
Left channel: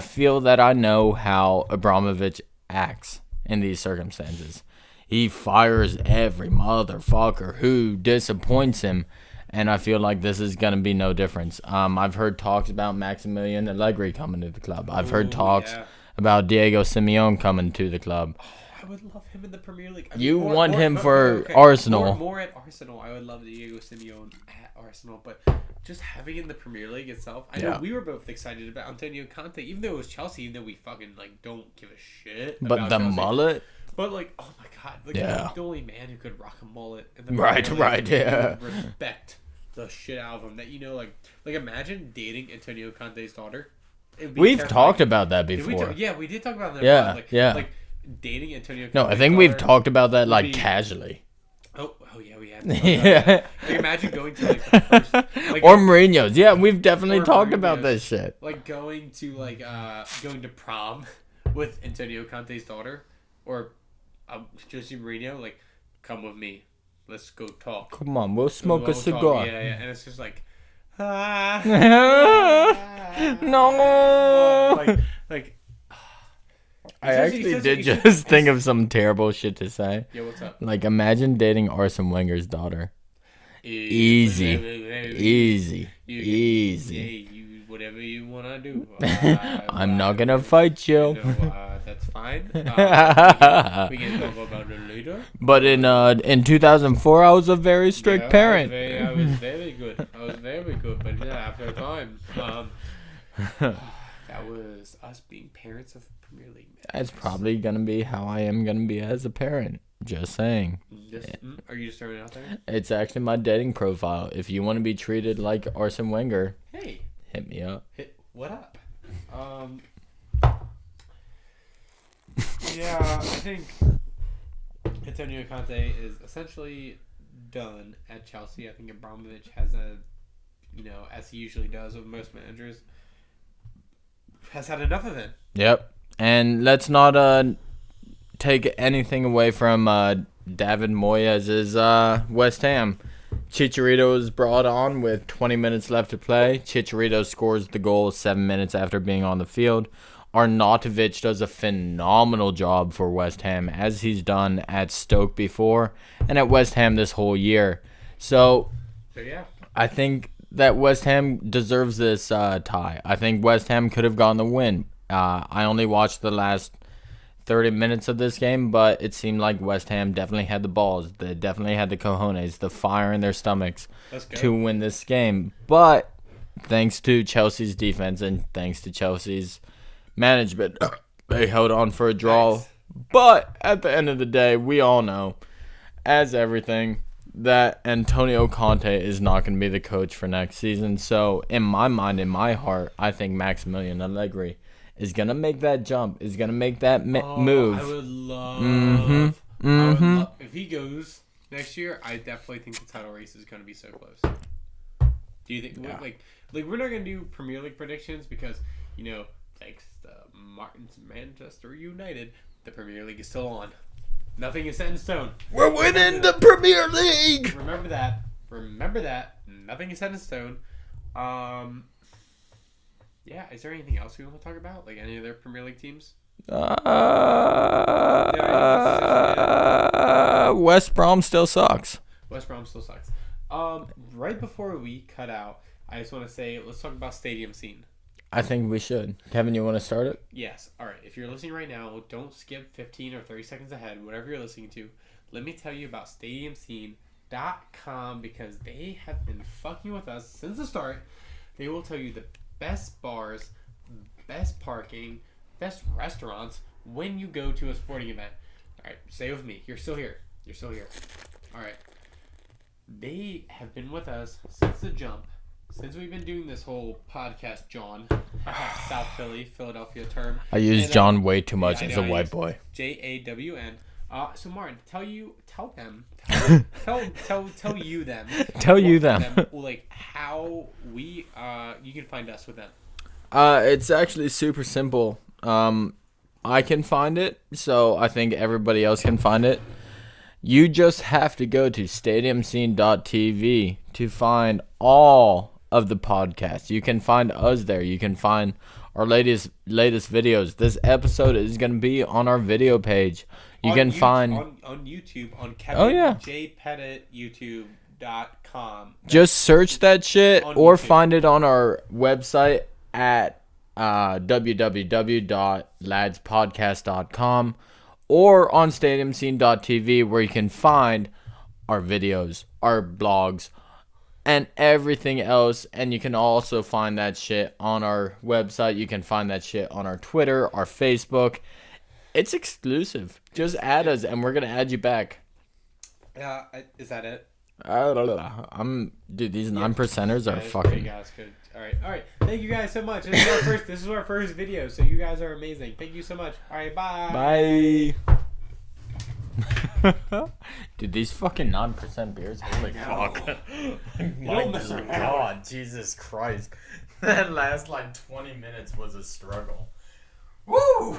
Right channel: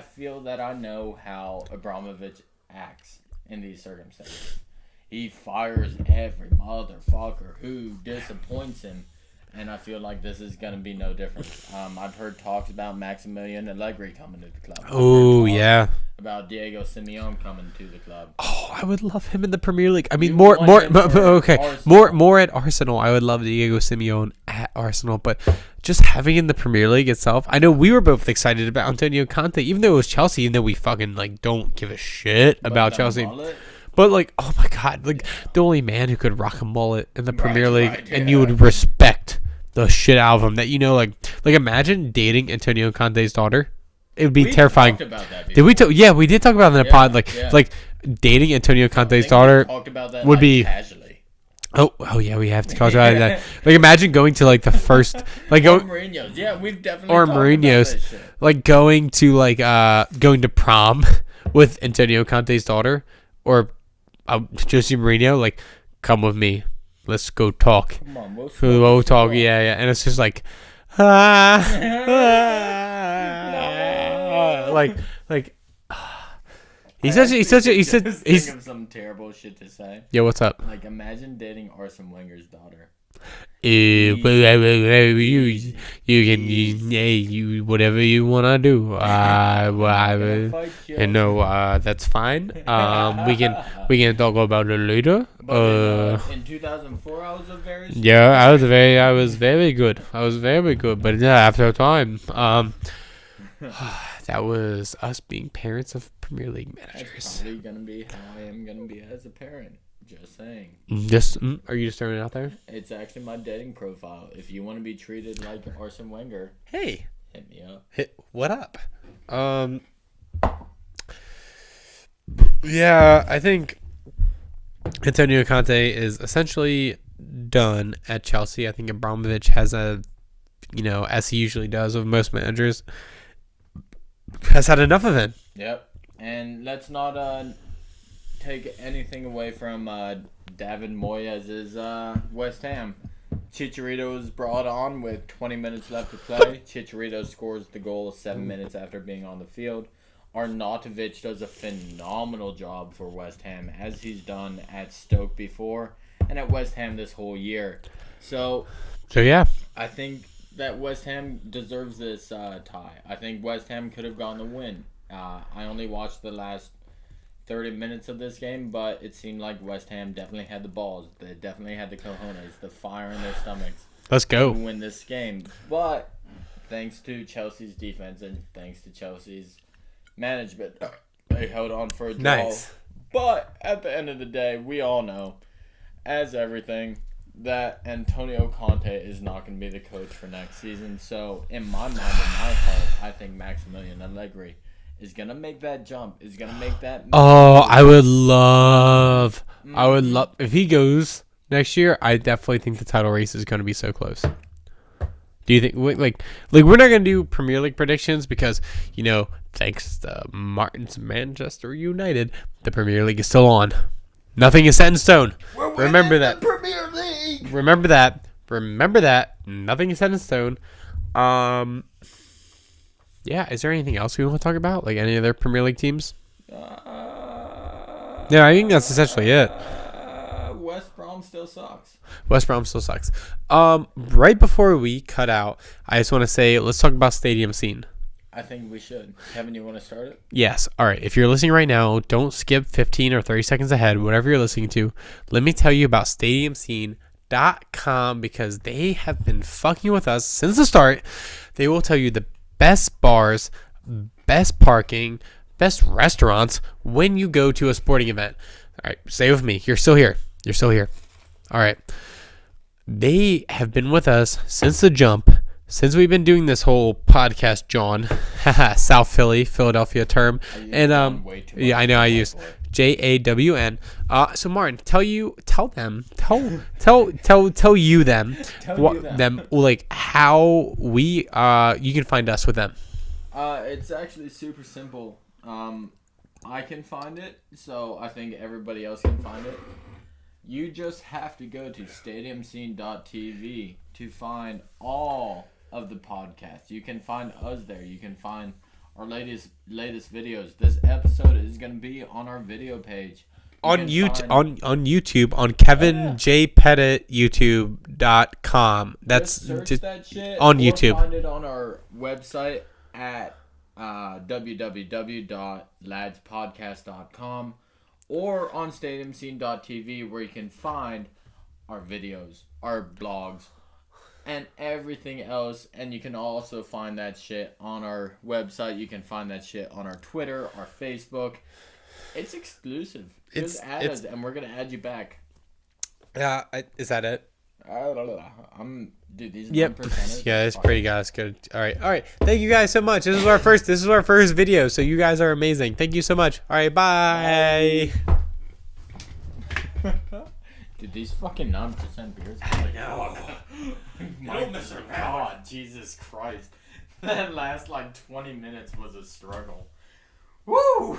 feel that I know how Abramovich acts in these circumstances. He fires every motherfucker who disappoints him. And I feel like this is going to be no difference. I've heard talks about Maximilian Allegri coming to the club. I've heard talks about Diego Simeone coming to the club. Oh, I would love him in the Premier League. I mean, You more want him for Arsenal. more at Arsenal. I would love Diego Simeone at Arsenal, but just having in the Premier League itself. I know we were both excited about Antonio Conte, even though it was Chelsea, even though we fucking like don't give a shit about Chelsea. Mullet? But like, oh my god, like the only man who could rock a mullet in the Premier League, and you would respect the shit out of him. That like imagine dating Antonio Conte's daughter. It would be terrifying. We've talked about that before. Did we? Yeah, we did talk about it in the pod. Like dating Antonio Conte's daughter. We've talked about that would be casually. Oh yeah, we have to talk about that. Like imagine going to like the first or Mourinho's. Yeah, we've definitely talked about this shit. Like going to prom with Antonio Conte's daughter, or Jose Mourinho. Like, come with me. Let's go talk. Come on, we'll talk. Yeah, and it's just like, no. Like He's think of some terrible shit to say. Yeah, what's up? Like, imagine dating Arsene Wenger's daughter. Easy. You can you whatever you wanna do. I'm not gonna fight you. No, that's fine. We can talk about it later. But in 2004, I was a very strict parent. I was very good. But yeah, after a time, that was us being parents of Premier League managers. That's probably gonna be how I am gonna be as a parent. Just saying. Are you just throwing it out there? It's actually my dating profile. If you want to be treated like Arsene Wenger, hey, hit me up. What up? Yeah, I think Antonio Conte is essentially done at Chelsea. I think Abramovich has as he usually does with most managers, has had enough of it. Yep. And let's not take anything away from David Moyes' West Ham. Chicharito is brought on with 20 minutes left to play. Chicharito scores the goal 7 minutes after being on the field. Arnautovic does a phenomenal job for West Ham, as he's done at Stoke before and at West Ham this whole year. So yeah, I think that West Ham deserves this tie. I think West Ham could have gotten the win. I only watched the last 30 minutes of this game, but it seemed like West Ham definitely had the balls. They definitely had the cojones, the fire in their stomachs. Let's go. To win this game. But thanks to Chelsea's defense and thanks to Chelsea's management, they held on for a draw. Nice. But at the end of the day, we all know, as everything, that Antonio Conte is not going to be the coach for next season. So in my mind, in my heart, I think Maximilian Allegri is going to make that jump, is going to make that move. I would love, I would love, if he goes next year, I definitely think the title race is going to be so close. Do you think, like we're not going to do Premier League predictions because, you know, thanks to Martin's Manchester United, the Premier League is still on. Nothing is set in stone. We're winning the Premier League. Remember that. Remember that. Nothing is set in stone. Yeah, is there anything else we want to talk about? Like any other Premier League teams? Yeah, I think that's essentially it. West Brom still sucks. West Brom still sucks. Right before we cut out, I just want to say, let's talk about stadium scene. I think we should. Kevin, you want to start it? Yes. All right. If you're listening right now, don't skip 15 or 30 seconds ahead, whatever you're listening to. Let me tell you about StadiumScene.com because they have been fucking with us since the start. They will tell you the best bars, best parking, best restaurants when you go to a sporting event. All right. Stay with me. You're still here. You're still here. All right. They have been with us since the jump. Since we've been doing this whole podcast, John, South Philly, Philadelphia term. I use John way too much. Yeah, I know. I use JAWN. So Martin, tell you them, like how we you can find us with them. It's actually super simple. I can find it, so I think everybody else can find it. You just have to go to stadiumscene.tv to find all of the podcasts. You can find us there. You can find our latest videos. This episode is going to be on our video page. You on can find on YouTube on Kevin J Pettit YouTube.com. Just search that shit on or YouTube. Find it on our website at www.ladspodcast.com or on stadiumscene.tv where you can find our videos, our blogs, and everything else. And you can also find that shit on our website. You can find that shit on our Twitter, our Facebook. It's exclusive. Just add us, and we're going to add you back. Is that it? Dude, these 9%ers yeah, are it's fucking... pretty guys. Good. All right. Thank you guys so much. This is our first. This is our first video, so you guys are amazing. Thank you so much. All right, bye. Dude, these fucking 9% beers are like fuck. My God, Jesus Christ. That last like 20 minutes was a struggle. Woo!